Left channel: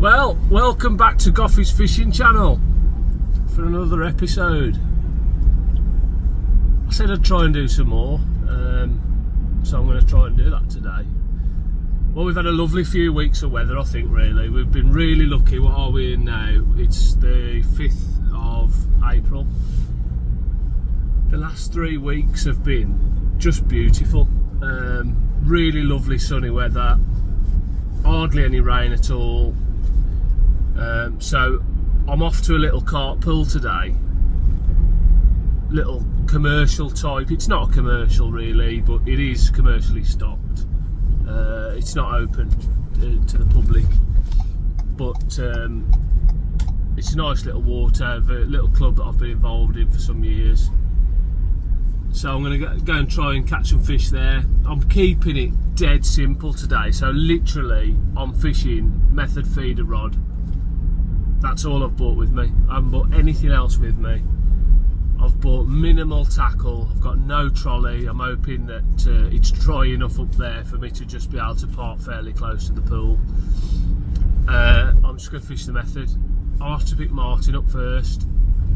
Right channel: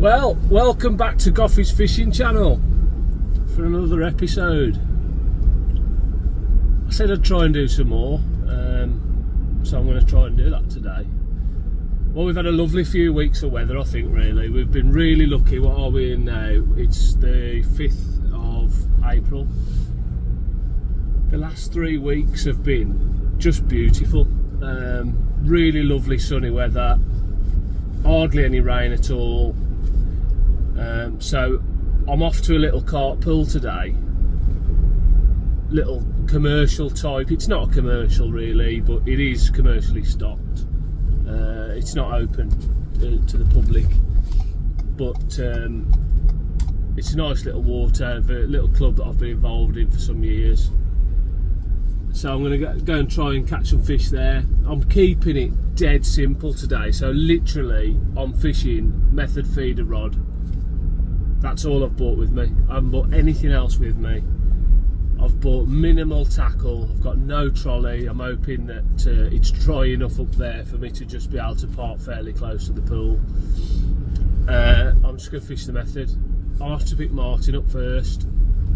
Well, welcome back to Goffy's Fishing Channel for another episode. I said I'd try and do some more, so I'm going to try and do that today. Well, we've had a lovely few weeks of weather, I think, really. We've been really lucky. What are we in now? It's the 5th of April. The last 3 weeks have been just beautiful. Really lovely sunny weather, hardly any rain at all. So I'm off to a little carp pool today, little commercial type. It's not a commercial really, but it is commercially stocked. It's not open to the public, but it's a nice little water, a little club that I've been involved in for some years. So I'm going to go and try and catch some fish there. I'm keeping it dead simple today, so literally I'm fishing method feeder rod. That's all I've brought with me. I haven't brought anything else with me. I've bought minimal tackle. I've got no trolley. I'm hoping that it's dry enough up there for me to just be able to park fairly close to the pool. I'm just going to fish the method. I'll have to pick Martin up first.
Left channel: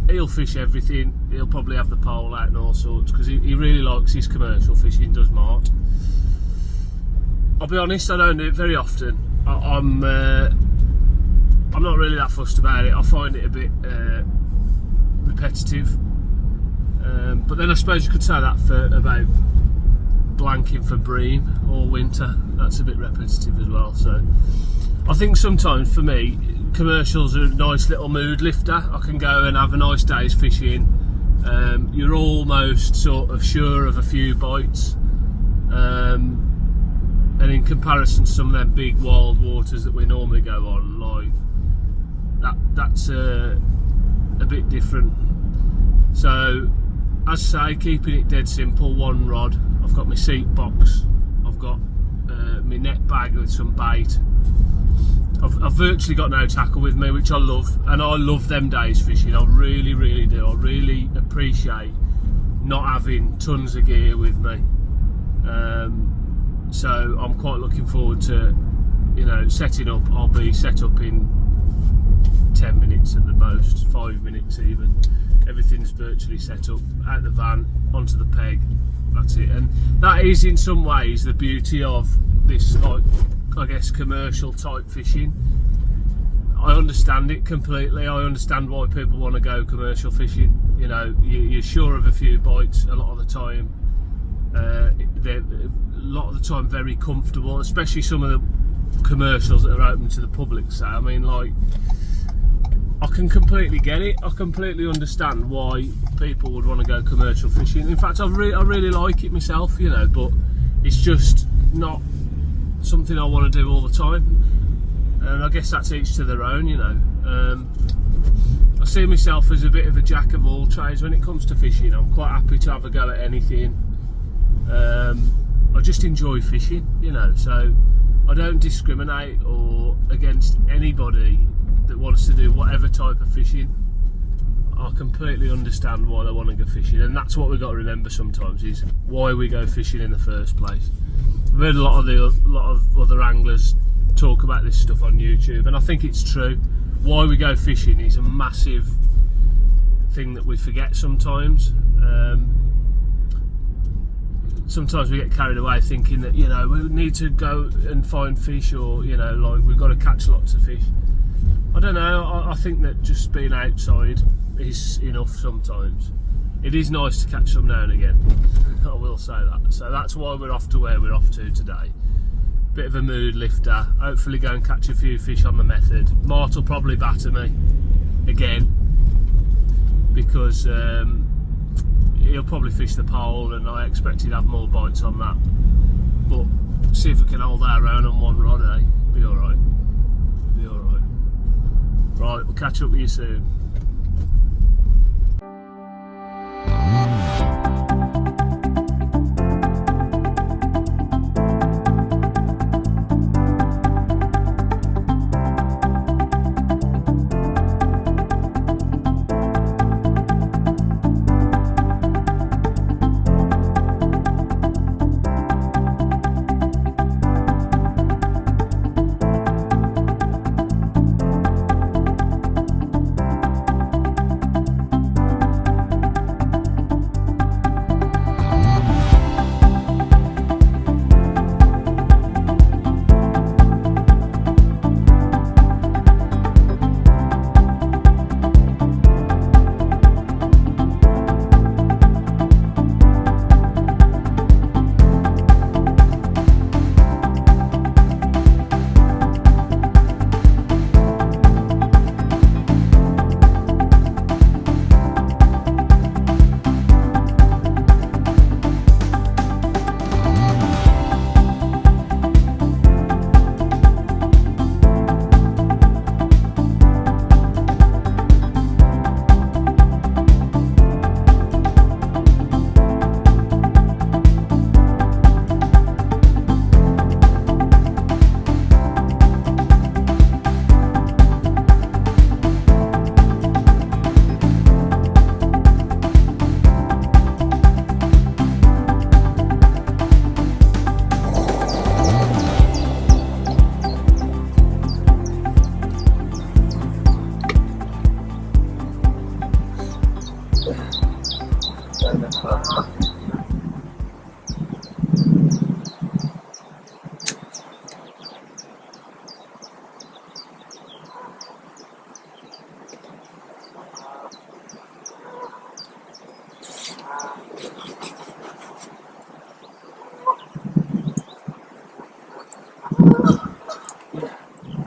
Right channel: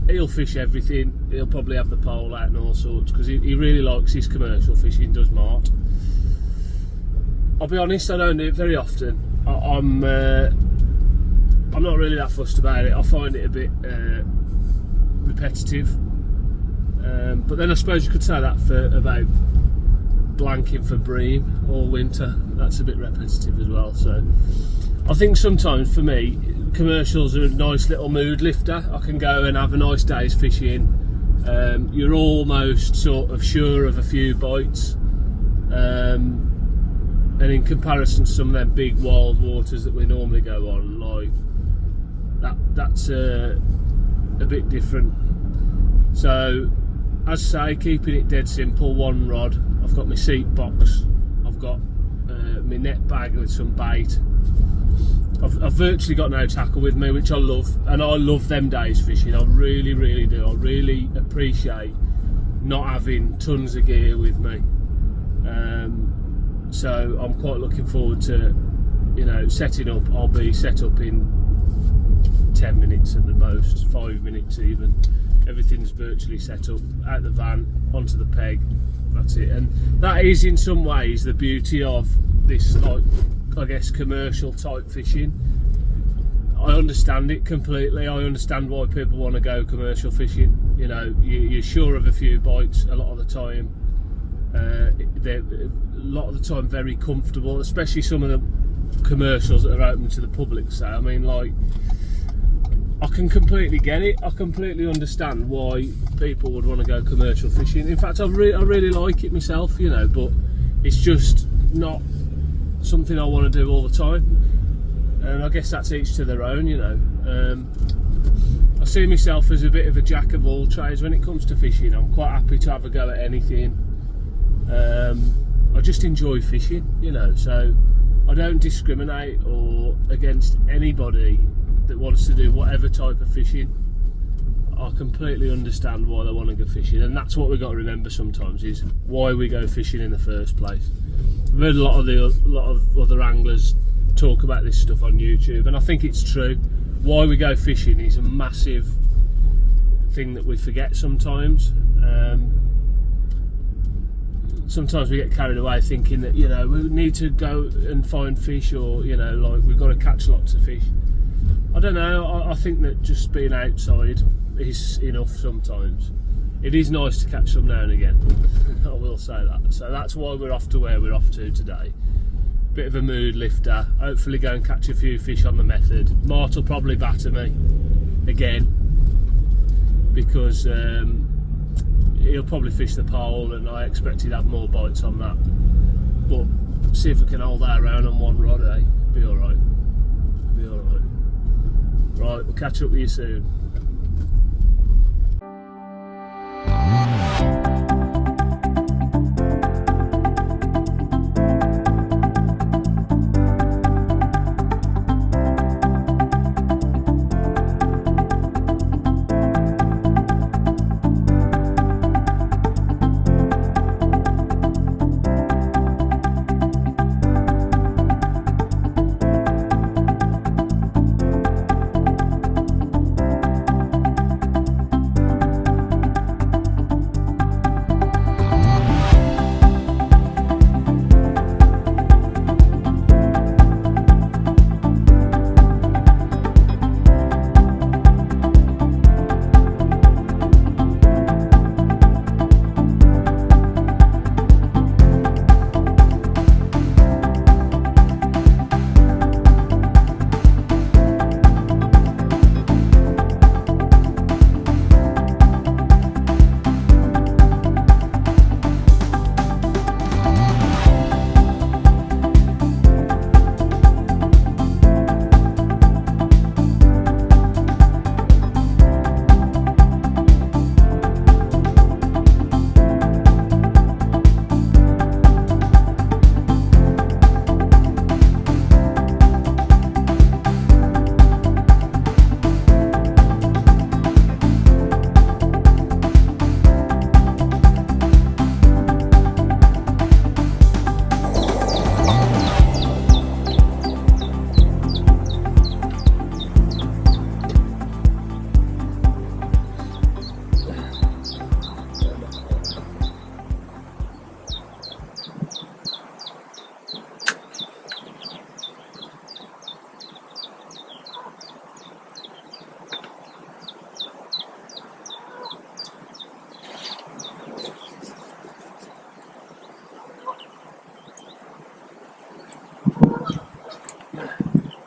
He'll fish everything. He'll probably have the pole out and all sorts because he really likes his commercial fishing, does Mart. I'll be honest, I don't do it very often. I'm not really that fussed about it. I find it a bit repetitive. But then I suppose you could say that for about blanking for bream all winter. That's a bit repetitive as well. So I think sometimes for me, commercials are a nice little mood lifter. I can go and have a nice day's fishing. You're almost sort of sure of a few bites. And in comparison to some of them big wild waters that we normally go on, like that's a bit different. So as I say, keeping it dead simple, one rod. I've got my seat box, I've got my net bag with some bait. I've virtually got no tackle with me, which I love, and I love them days fishing. I really do. I really appreciate not having tons of gear with me. So I'm quite looking forward to, setting up. I'll be set up in 10 minutes at the most, 5 minutes even. Everything's virtually set up, out the van, onto the peg, that's it. And that is in some ways the beauty of this, I guess, commercial type fishing. I understand it completely. I understand why people want to go commercial fishing. You're sure of a few bites a lot of the time. They're a lot of the time very comfortable, especially some of the commercials that are open to the public. So I mean, I can completely get it. I completely understand why people would want to go commercial fishing. In fact, I really like it myself, but it's just not something I want to do all the time. And I guess that's each to their own, I see myself as a bit of a jack of all trades when it comes to fishing. I'm quite happy to have a go at anything. I just enjoy fishing, so I don't discriminate or against anybody that wants to do whatever type of fishing. I completely understand why they want to go fishing, and that's what we've got to remember sometimes, is why we go fishing in the first place. I've heard a lot of other anglers talk about this stuff on YouTube, and I think it's true. Why we go fishing is a massive thing that we forget sometimes. Sometimes we get carried away thinking that we need to go and find fish, or we've got to catch lots of fish. I don't know. I think that just being outside is enough sometimes. It is nice to catch some now and again. I will say that. So that's why we're off to where we're off to today. Bit of a mood lifter. Hopefully go and catch a few fish on the method. Mart will probably batter me again because he'll probably fish the pole, and I expect he'd have more bites on that. But see if we can hold our own on one rod, eh? Be alright. Be alright. Right, we'll catch up with you soon.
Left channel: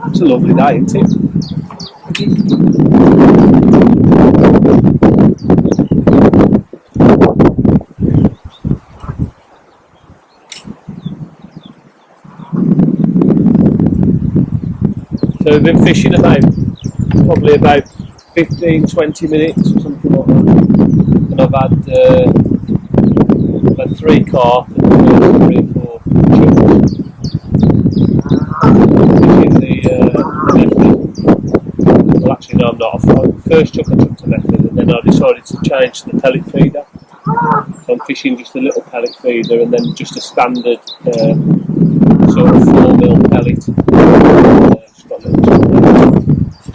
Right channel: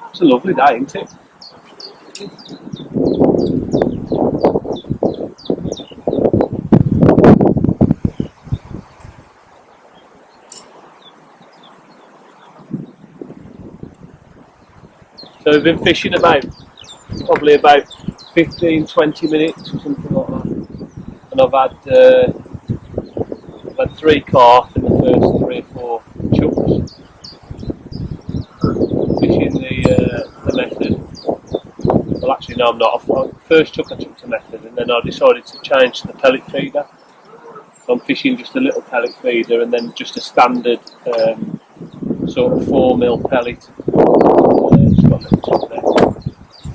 It's a lovely day, isn't it? So we've been fishing probably about 15-20 minutes or something like that, and I've had 3 carp in the first 3 or 4 chucks. Fishing the method. Well, actually no, I'm not. First chuck I took to method, and then I decided to change to the pellet feeder. So I'm fishing just a little pellet feeder, and then just a standard sort of 4mm pellet. Just got little chuck there.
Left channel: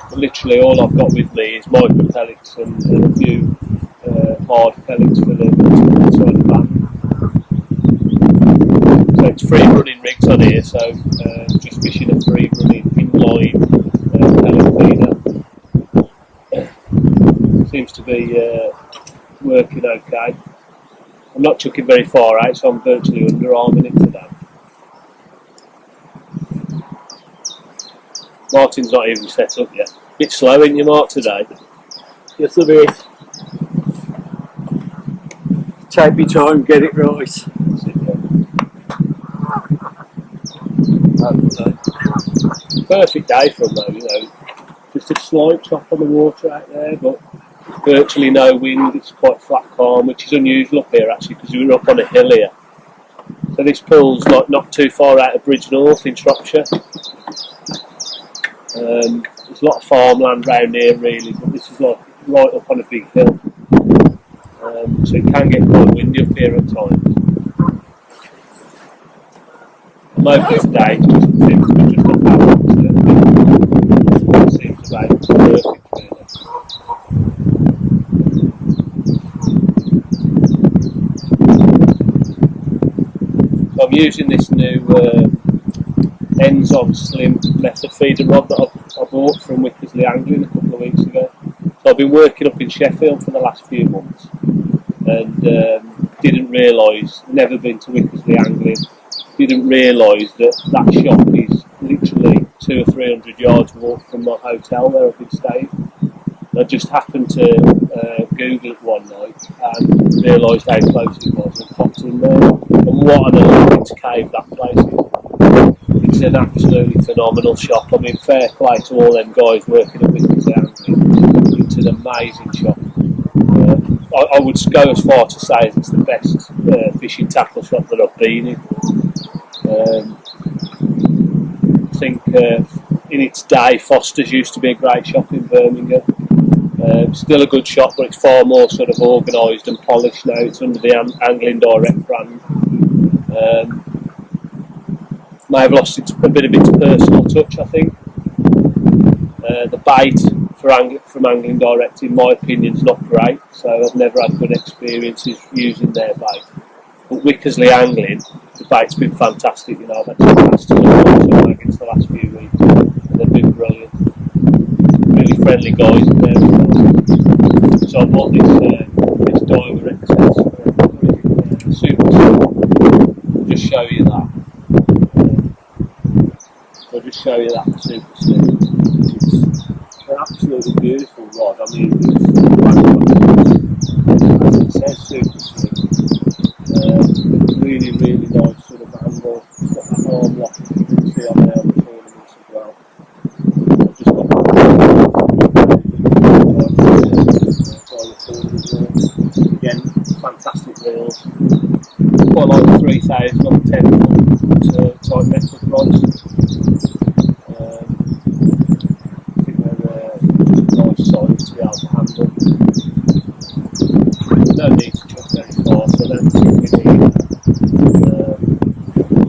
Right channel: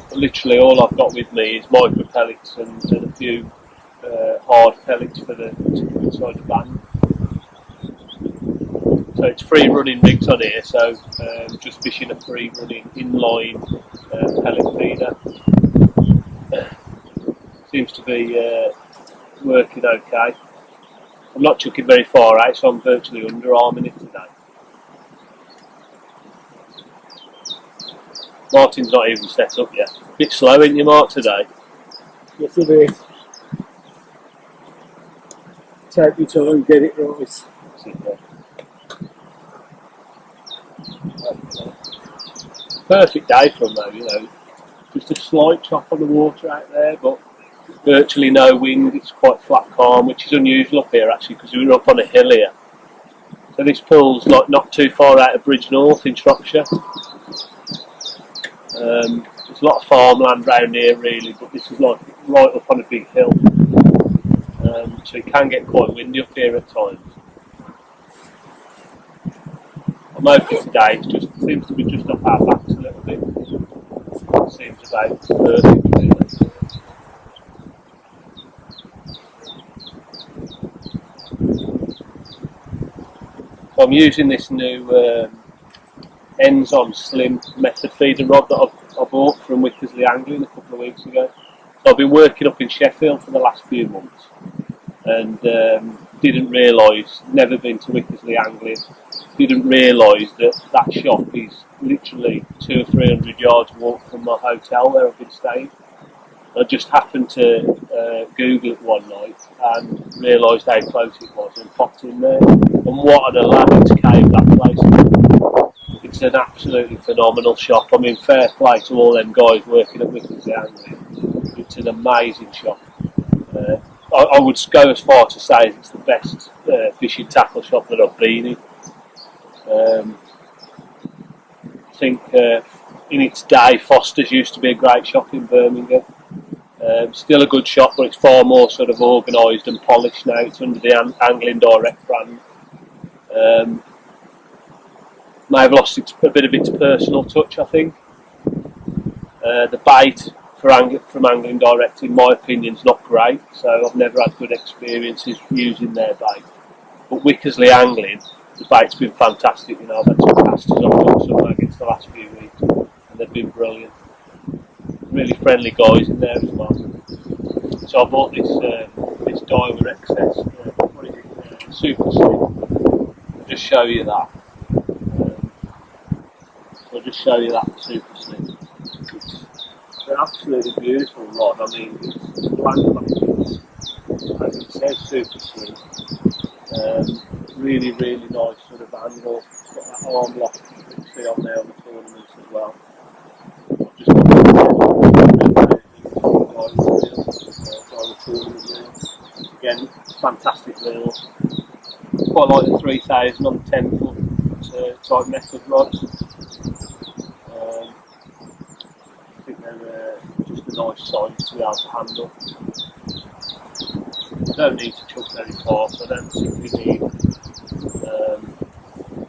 But literally all I've got with me is micro pellets and a few hard pellets for the inside the band. So it's free running rigs on here, so just fishing a free running inline pellet feeder. Seems to be working okay. I'm not chucking very far out, so I'm virtually underarming it today. Martin's not even set up yet. Bit slow, ain't you, Mark, today? Yes, it is. Take me time, get it right. That's it, yeah. Hopefully. Perfect day for them, though, you know. Just a slight chop on the water out there, but virtually no wind. It's quite flat calm, which is unusual up here actually, because we're up on a hill here. So this pool's like not too far out of Bridge North in Shropshire. There's a lot of farmland round here really, but this is like right up on a big hill. So it can get quite windy up here at times. I'm hoping today it seems to be just off our backs a little bit. It seems about perfect really. So I'm using this new ends on slim method feeder rod that I bought from Wickersley Angling a couple of weeks ago. So I've been working up in Sheffield for the last few months, and didn't realise, never been to Wickersley Angling, didn't realise that shop is literally 200 or 300 yards walk from my hotel where I've been staying. I just happened to Google it one night and realised how close it was and popped in there. And what an elaborate cave that place is. It's an absolutely phenomenal shop. I mean, fair play to all them guys working at Wickersley Angling. It's an amazing shop. I would go as far to say it's the best fishing tackle shop that I've been in. I think in its day, Foster's used to be a great shop in Birmingham. Still a good shop, but it's far more sort of organised and polished now. It's under the Angling Direct brand. May have lost a bit of its personal touch, I think. The bait from Angling Direct, in my opinion, is not great, so I've never had good experiences using their bait. But Wickersley Angling, the bait's been fantastic. You know, I've had some casters on some maggots the last few weeks, and they've been brilliant. Really friendly guys in there as well. So I bought this Daiwa XS, Super Slim. I'll just show you that. I'll just show you that Super Slim. It's an absolutely beautiful rod. I mean, it's blank, as it says, Super Slim. Really, really nice sort of angle. It's got that arm lock that you can see on there on the tournaments as well. I've just got the tournament reel. Again, fantastic reels. Quite like the 3000 on the 10-foot type method rods. I think they're just a nice size to be able to handle. No need to chuck very far, so I don't think we need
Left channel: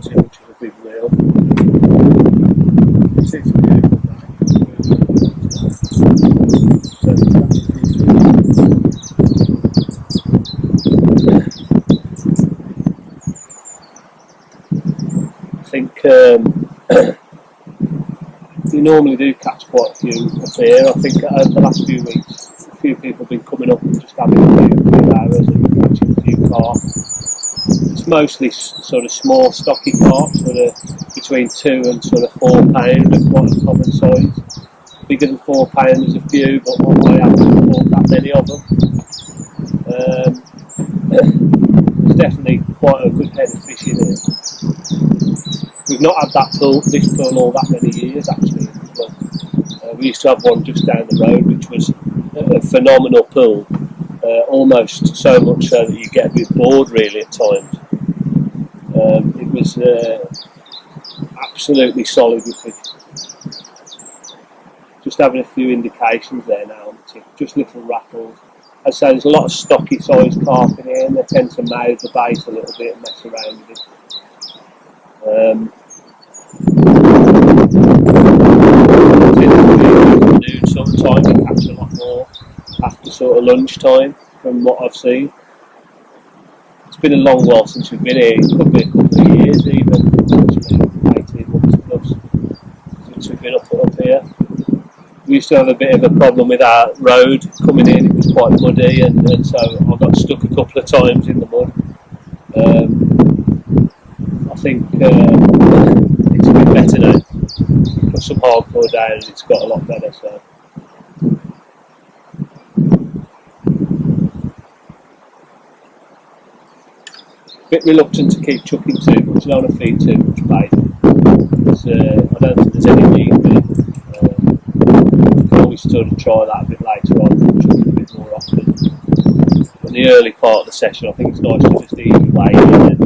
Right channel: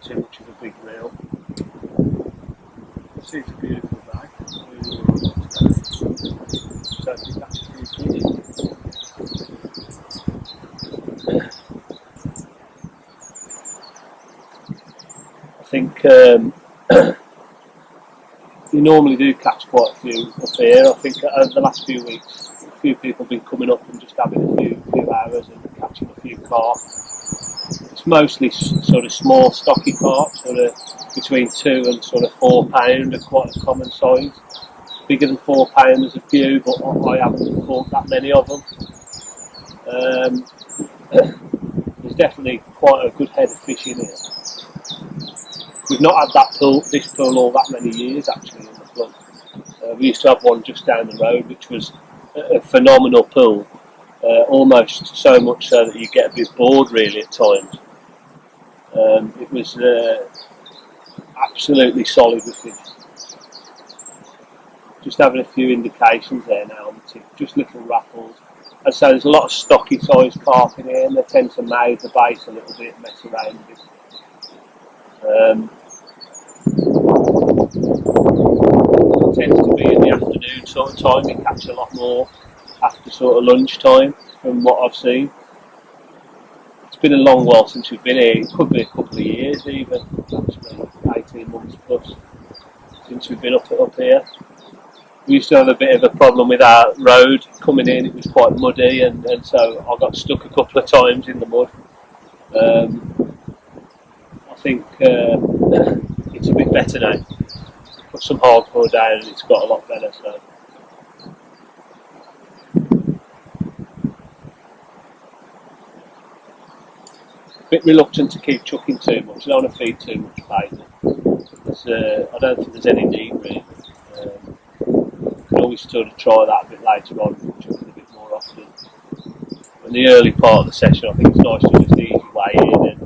too much of a big reel. It's a beautiful day. Really, really nice day. So that's a few fish. I think we normally do catch quite a few up here. I think over the last few weeks, a few people have been coming up and just having a few hours and catching a few carp. It's mostly sort of small, stocky carp, sort of between 2 and sort of £4 are quite a common size. Bigger than £4 there's a few, but I haven't caught that many of them. There's definitely quite a good head of fish in here. We've not had this pool all that many years actually in the club. We used to have one just down the road, which was a phenomenal pool, almost so much so that you get a bit bored really at times. It was absolutely solid with fish. Just having a few indications there now on the tip, just little rattles. I'd say there's a lot of stocky sized carp in here, and they tend to mouth the bait a little bit and mess around a bit. Tends to be in the afternoon sort of time. You catch a lot more after sort of lunchtime from what I've seen. It's been a long while since we've been here. It could be a couple of years even, actually 18 months plus since we've been up here. We used to have a bit of a problem with our road coming in. It was quite muddy, and so I got stuck a couple of times in the mud. I think it's a bit better now. Put some hardcore down and it's got a lot better. So bit reluctant to keep chucking too much. I don't want to feed too much bait. I don't think there's any need really. You can always sort of try that a bit later on, chucking a bit more often. But in the early part of the session, I think it's nice to just ease your way in and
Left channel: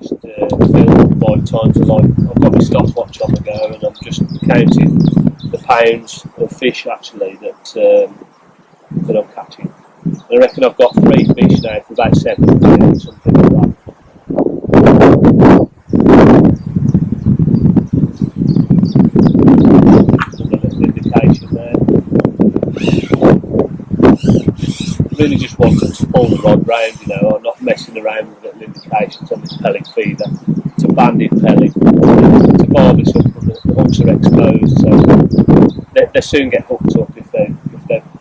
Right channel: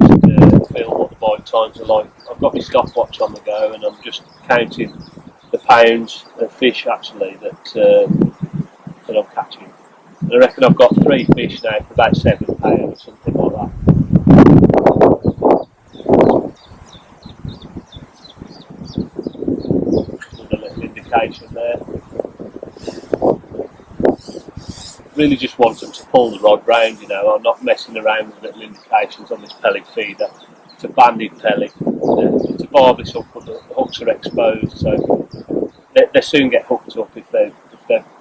just feel what bite times are like. I've got my stopwatch on the go, and I'm just counting the pounds of fish actually that I'm catching. And I reckon I've got 3 fish now for about £7, something like that. Another little indication there. Really just wanted to pull the rod round, you know. I'm not messing around with little indications on this pellet feeder. It's a banded pellet. To barb this up, but the hooks are exposed, so they soon get hooked up if they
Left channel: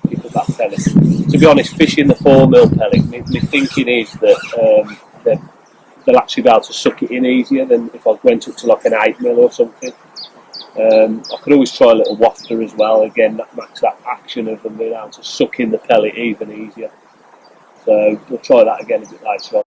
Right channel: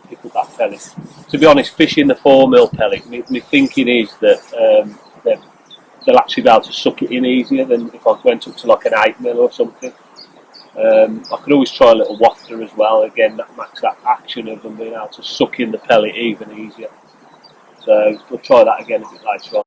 pick up that pellet. To be honest, fishing the 4mm pellet, my thinking is that they'll actually be able to suck it in easier than if I went up to like an 8mm or something. I could always try a little wafter as well. Again, that makes that action of them being able to suck in the pellet even easier. So we'll try that again a bit later on.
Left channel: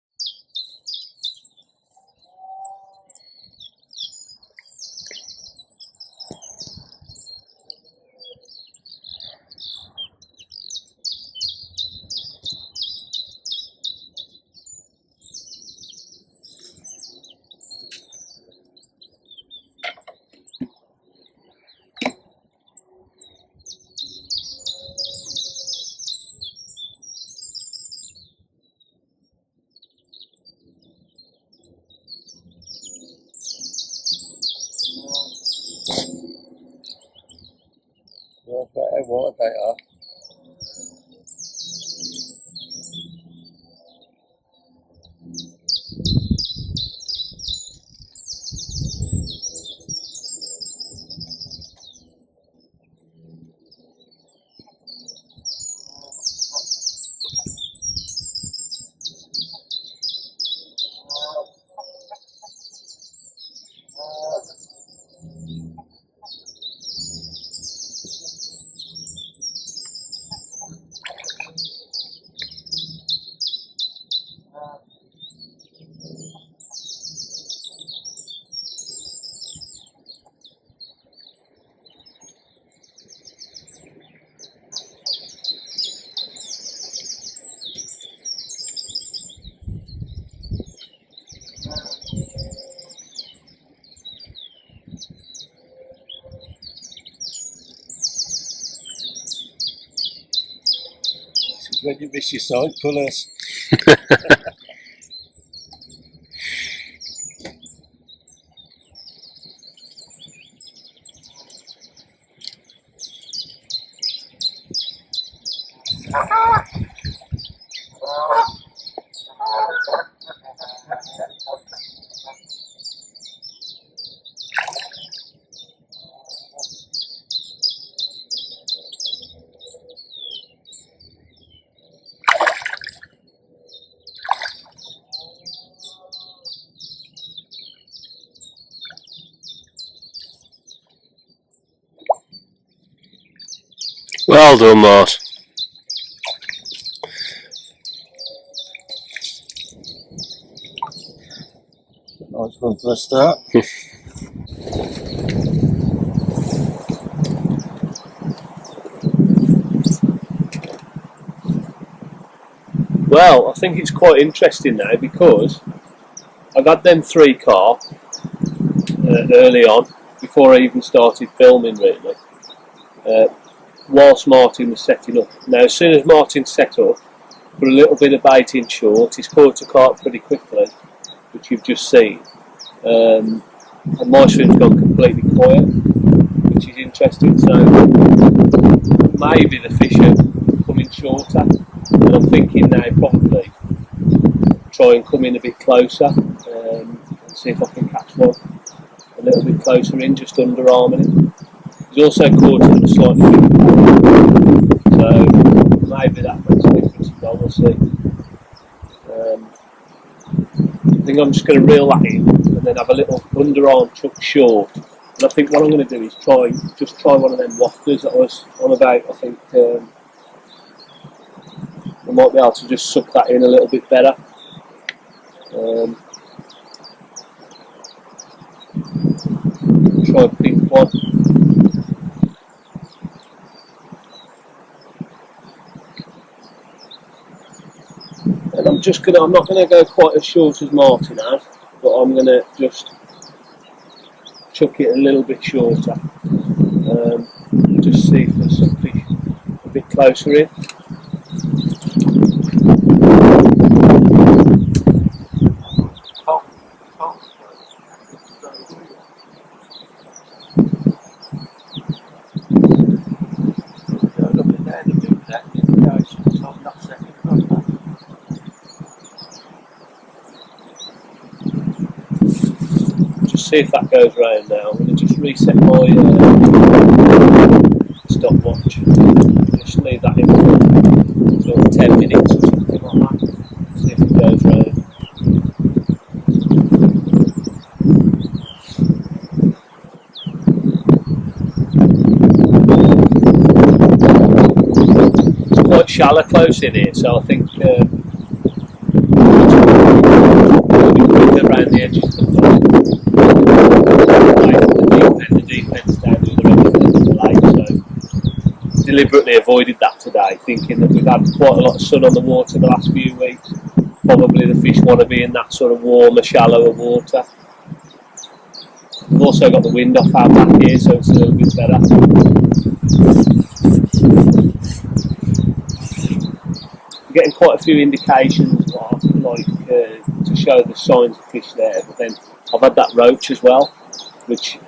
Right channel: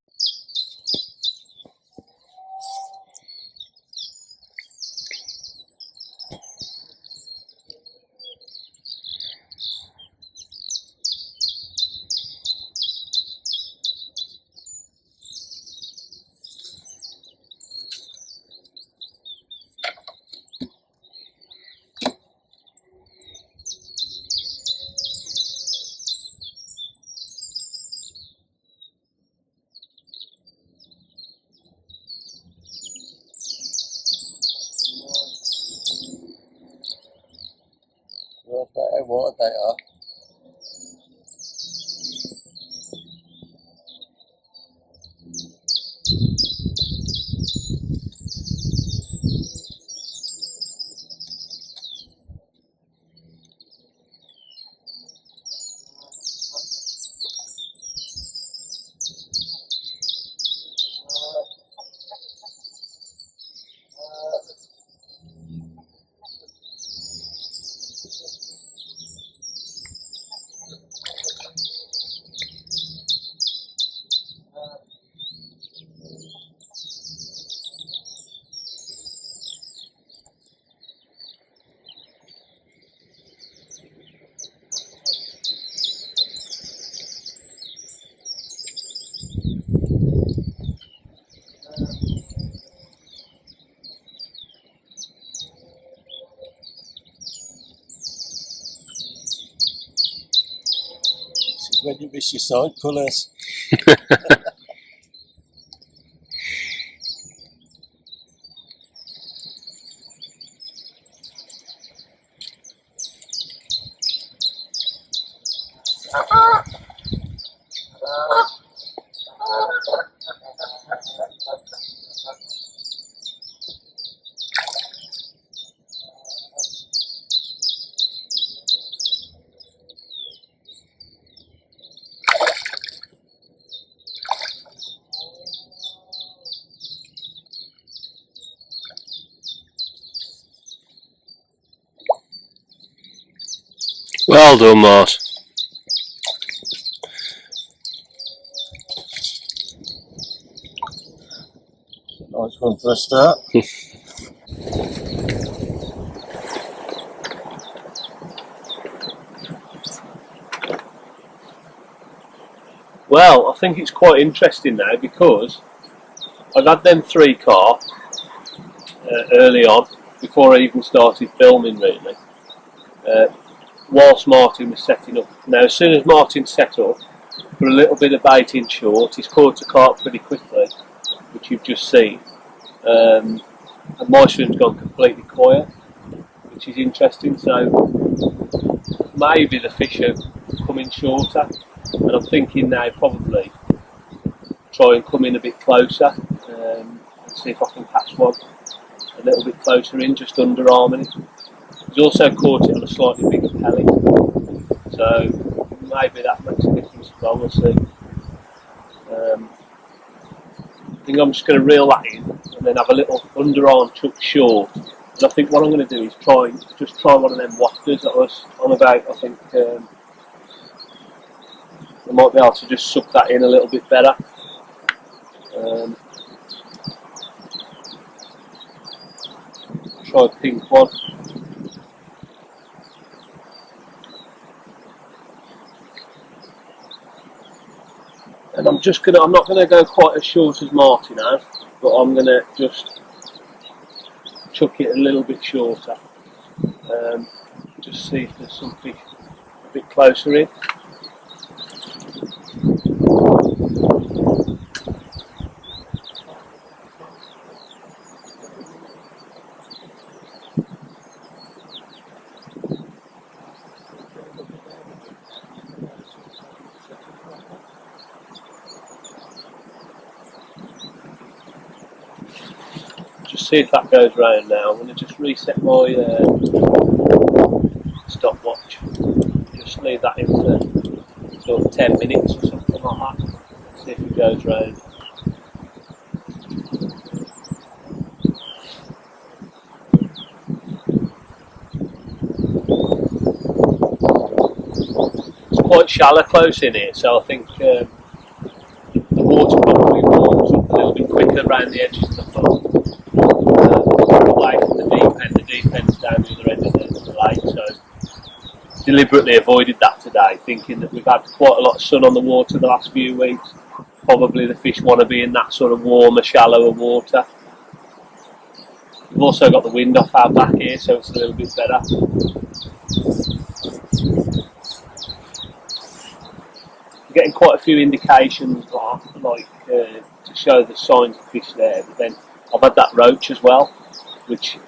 What they are. When you miss your side pullers. Well done, Mart. Nice one for a start. Well, I think it's quite interesting now because I've had them 3 carp early on, before I even started filming really, whilst Martin was setting up. Now as soon as Martin set up, put a little bit of bait in short, he's caught a carp pretty quickly, which you've just seen, and my swim's gone completely quiet, which is interesting. So maybe the fish are coming shorter, and I'm thinking now probably try and come in a bit closer and see if I can catch one a little bit closer in, just underarming it. He's also caught it on a slightly bigger pellet, so maybe that makes a difference as well. We'll see. I think I'm just going to reel that in and then have a little underarm chuck short. And I think what I'm going to do is try one of them wafters that I was on about. I think I might be able to just suck that in a little bit better. Try a pink one. And I'm not gonna go quite as short as Martin has, but I'm gonna just chuck it a little bit shorter. Just see if there's some fish a bit closer in. Just see if that goes round now. I'm going to just reset my stopwatch. Just leave that in for sort of 10 minutes or something like that. See if it goes round. It's quite shallow close in here, so I think the water probably moves a little bit quicker around the edges of the flood. Away from the deep end's down the other end of the lake, so deliberately avoided that today, thinking that we've had quite a lot of sun on the water the last few weeks. Probably the fish want to be in that sort of warmer, shallower water. We've also got the wind off our back here, so it's a little bit better. We're getting quite a few indications, like to show the signs of fish there, but then I've had that roach as well, which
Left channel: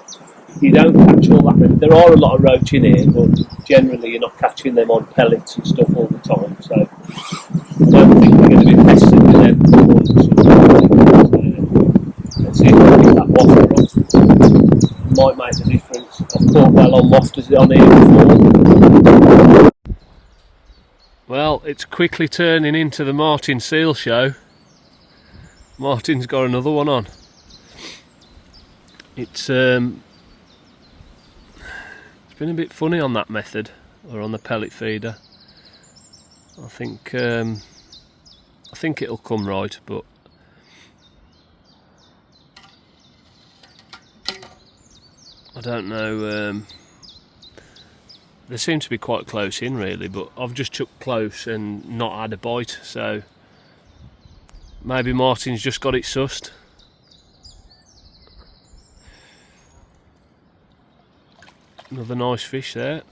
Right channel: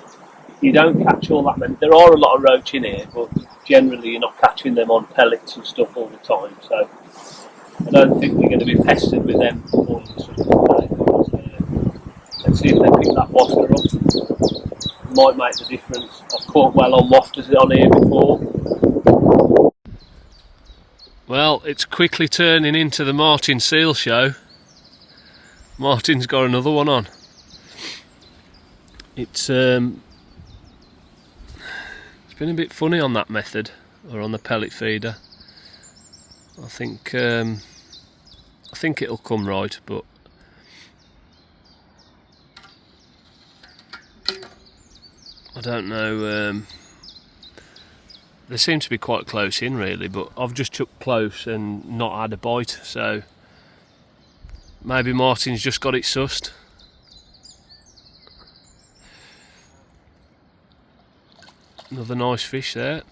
you don't catch all that many. There are a lot of roach in here, but generally you're not catching them on pellets and stuff all the time, so I don't think we're going to be pestered with them all of a sudden. Let's see if they pick that wafter up. Might make the difference. I've caught well on wafters on here before. Well, it's quickly turning into the Martin Seal show. Martin's got another one on. It's been a bit funny on that method, or on the pellet feeder. I think it'll come right, but I don't know. They seem to be quite close in really, but I've just took close and not had a bite, so maybe Martin's just got it sussed. Another nice fish there.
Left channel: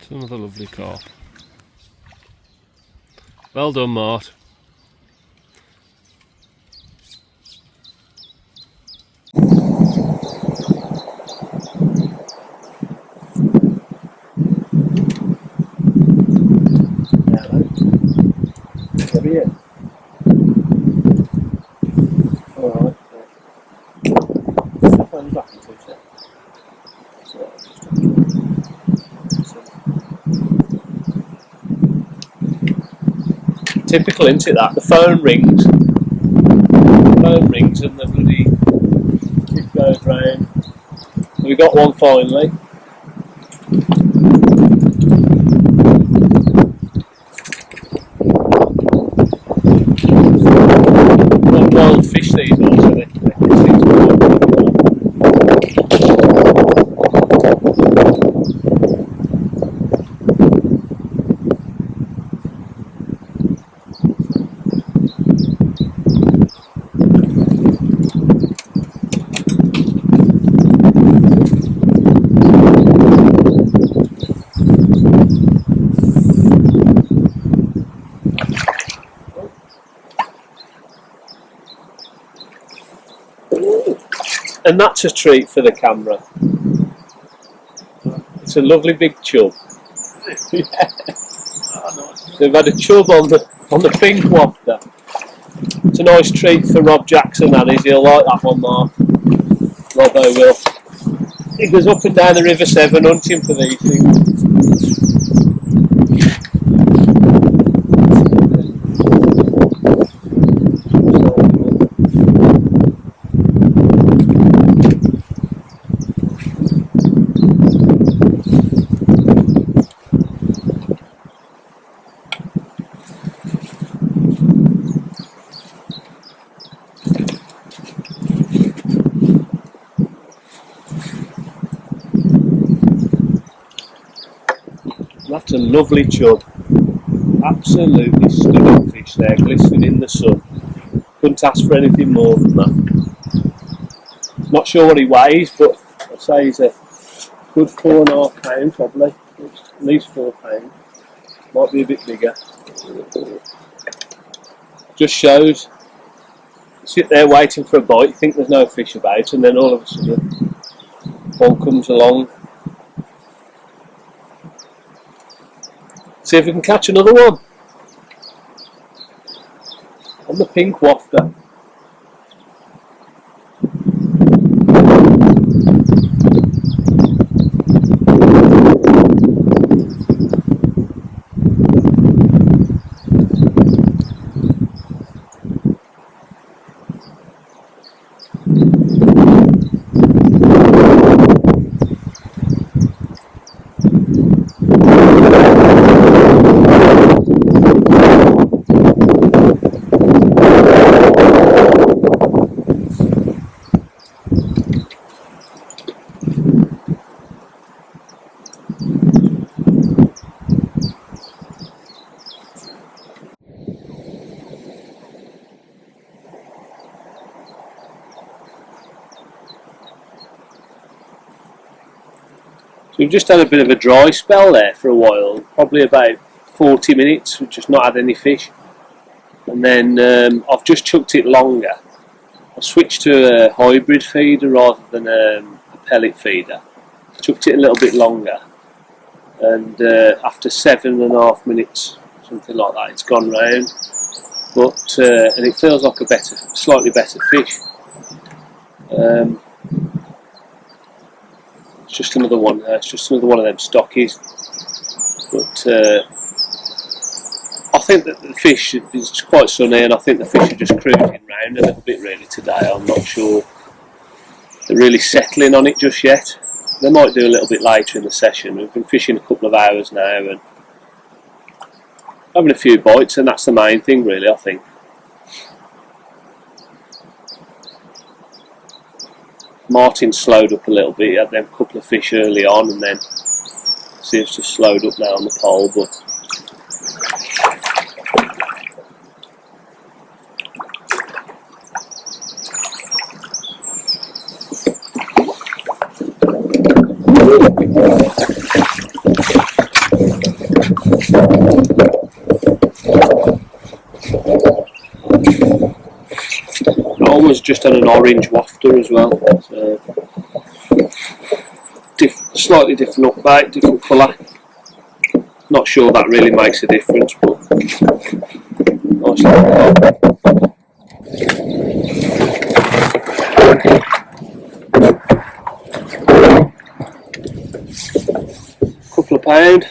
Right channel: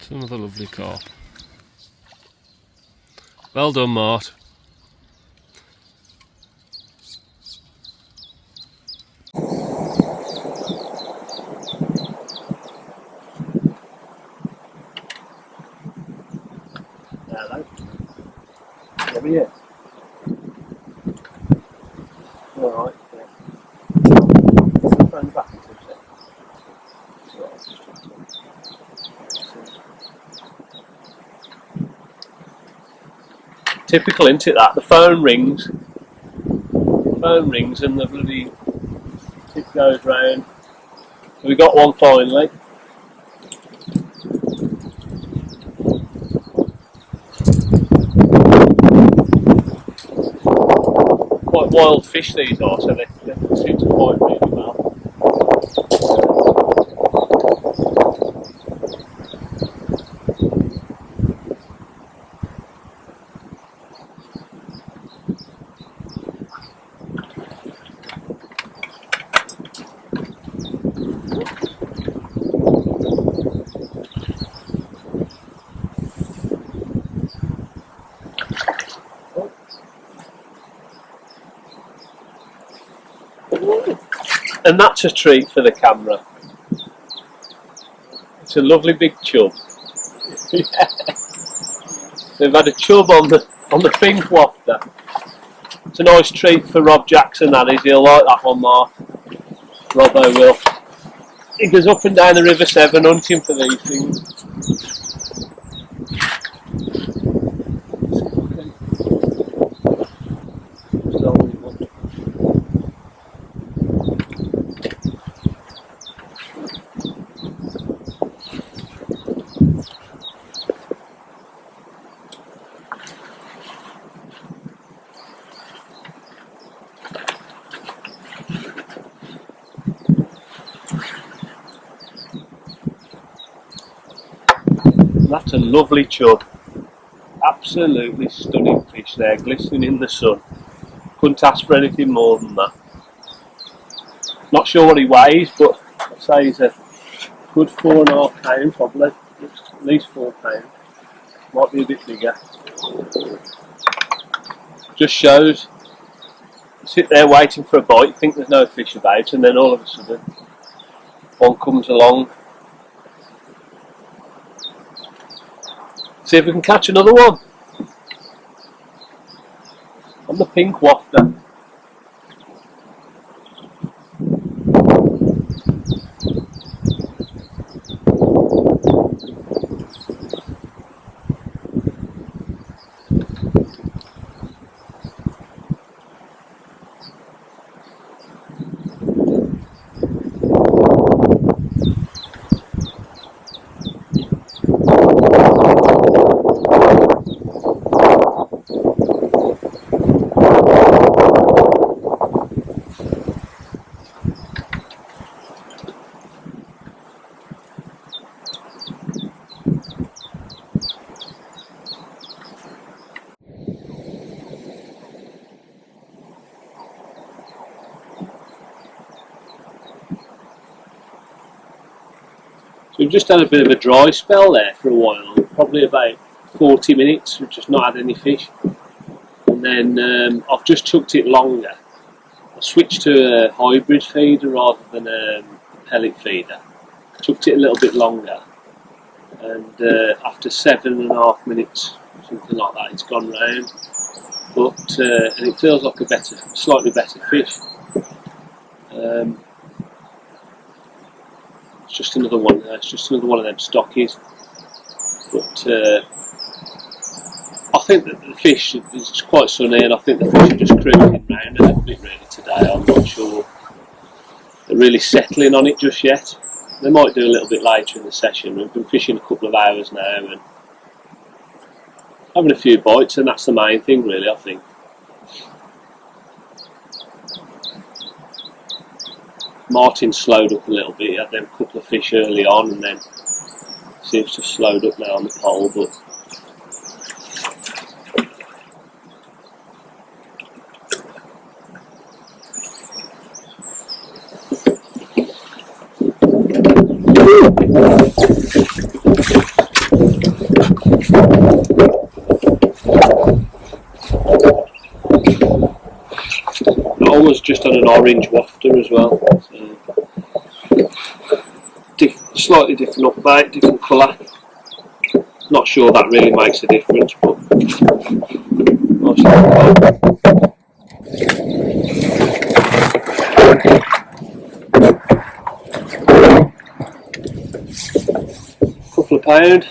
It's another lovely carp. Well done, Mart. Hello. over here. Alright, yeah. I'll phone you back in 2 seconds. So I'll just typical, isn't it, that? The phone rings and the bloody tip goes round. We got one finally. Quite wild fish these are, so they seem to bite really well. And that's a treat for the camera. It's a lovely big chub. Yeah. Oh, nice. They've had a chub on the pink wafter. It's a nice treat for Rob Jackson, that is. He'll like that one, Mark. Robbo will. He goes up and down the River Severn hunting for these things. That's a lovely chub. Absolutely stunning fish there, glistening in the sun. Couldn't ask for anything more than that. Not sure what he weighs, but I'd say he's a good 4.5 pounds probably. Looks at least 4 pounds. Might be a bit bigger. Just shows. You sit there waiting for a bite, you think there's no fish about, and then all of a sudden one comes along. See if we can catch another one on the pink wafter. We've just had a bit of a dry spell there for a while, probably about 40 minutes, we've just not had any fish. And then I've just chucked it longer. I switched to a hybrid feeder rather than a pellet feeder. Chucked it a little bit longer, and after 7.5 minutes, something like that, it's gone round. But and it feels like a slightly better fish. It's just another one. It's just another one of them stockies. But I think that the fish is quite sunny, and I think the fish are just cruising round a little bit really today. I'm not sure they're really settling on it just yet. They might do a little bit later in the session. We've been fishing a couple of hours now and having a few bites, and that's the main thing really, I think. Martin slowed up a little bit. He had them couple of fish early on, and then seems to have slowed up now on the pole. But I was just on an orange wafter as well. So slightly different upbite, different colour. Not sure that really makes a difference, but nice little carp. Couple of pound,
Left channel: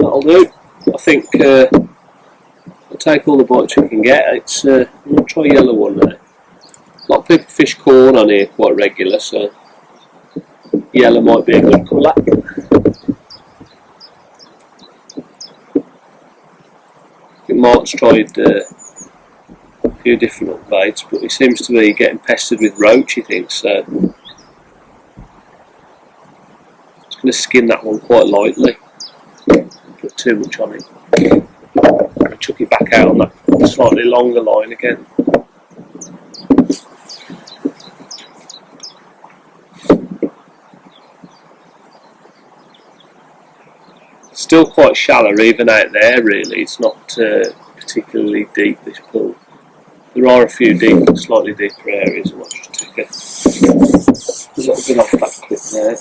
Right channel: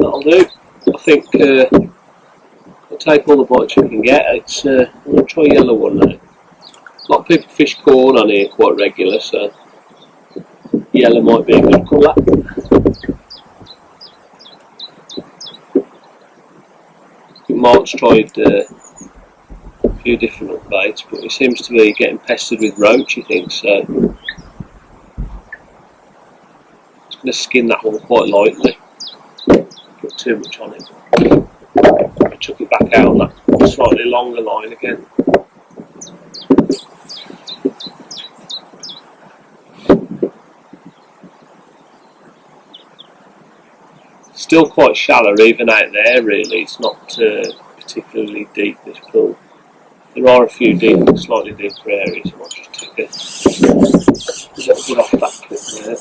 that'll do. I think I'll take all the bites we can get. I'm going to try yellow one now. A lot of people fish corn on here quite regular, so yellow might be a good colour. I think Mark's tried a few different upbaits, but he seems to be getting pestered with roach, he thinks, so I'm just going to skin that one quite lightly. Don't put too much on it. I'm going to chuck it back out on that slightly longer line again. Still quite shallow even out there really, it's not particularly deep, this pool. There are a few deep, slightly deeper areas. I might just take a little bit off that clip there.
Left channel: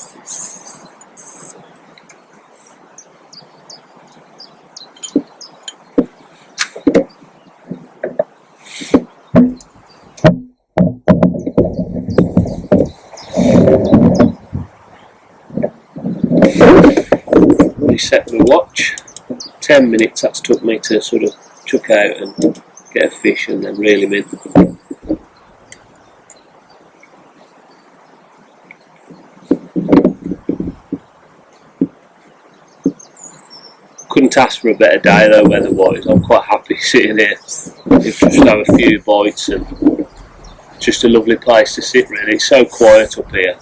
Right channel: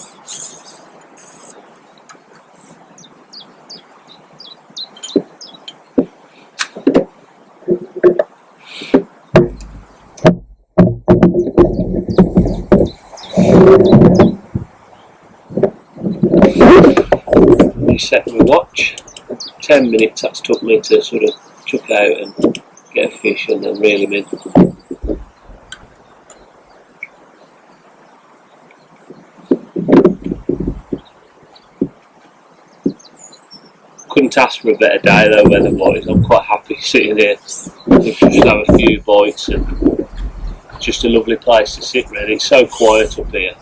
Reset my watch. 10 minutes that's took me to sort of chuck out and get a fish and then reel him in. Couldn't ask for a better day though weather-wise. I'm quite happy sitting here. We've just have a few bites and just a lovely place to sit really. It's so quiet up here.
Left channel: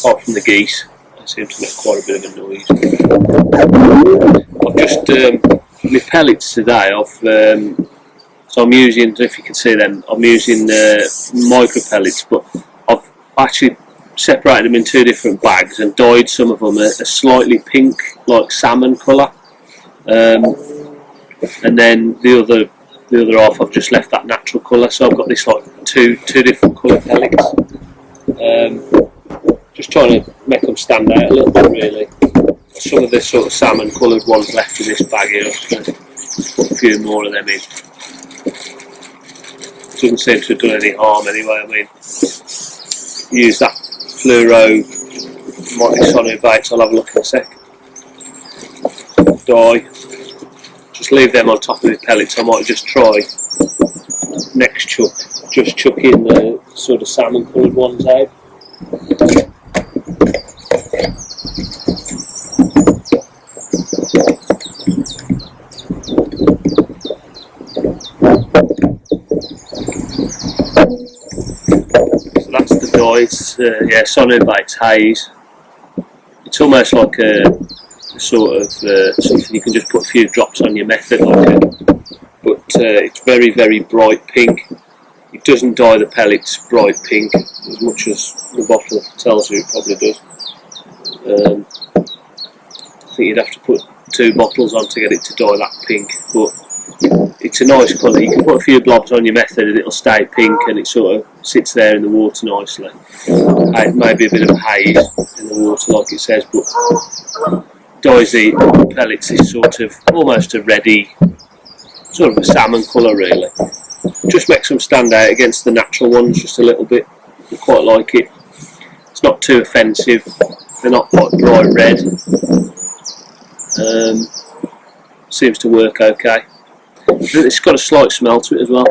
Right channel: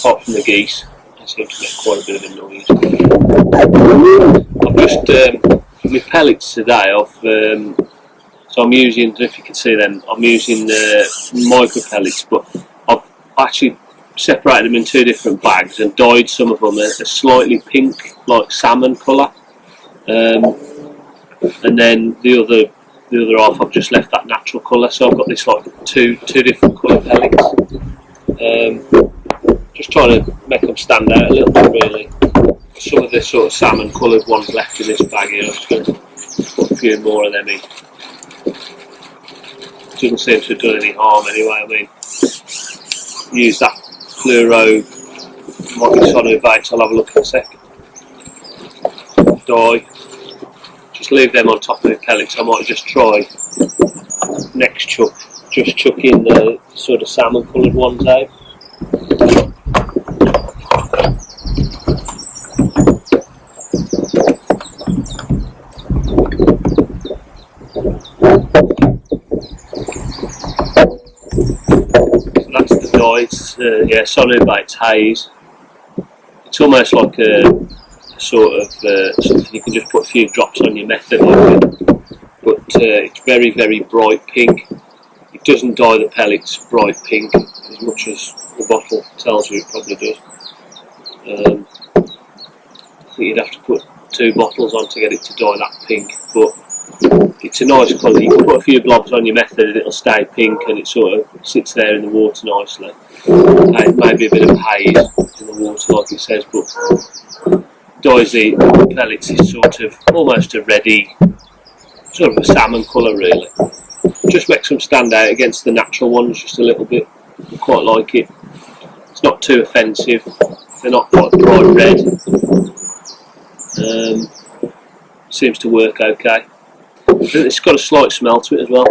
Apart from the geese. Seem to make quite a bit of a noise. I've just my pellets today. So I'm using, if you can see them, I'm using micro pellets, but I've actually separated them in two different bags and dyed some of them a slightly pink, like salmon colour, and then the other half I've just left that natural colour. So I've got this like two different colour pellets. Just trying to make them stand out a little bit really. Some of the sort of salmon coloured ones left in this bag here, I'm just going to put a few more of them in. Doesn't seem to have done any harm anyway. I mean, use that fluoro, might be sono baits, I'll have a look in a sec. Dye. Just leave them on top of the pellets. I might just try next chuck, just chuck in the sort of salmon coloured ones out. So that's the dye. It's yeah, sono baits haze. It's almost like a sort of something you can just put a few drops on your method, like but it's very, very bright pink. It doesn't dye the pellets bright pink as much as the bottle tells you it probably does. I think you'd have to put 2 bottles on to get it to dye that pink, but it's a nice colour. You can put a few blobs on your method and it'll stay pink and it sort of sits there in the water nicely. Maybe a bit of a haze in the water like it says, but dyes the pellets is sort of almost a reddy, sort of a salmon colour really. Just makes them stand out against the natural ones just a little bit. I quite like it. It's not too offensive. They're not like bright red. Seems to work okay. It's got a slight smell to it as well.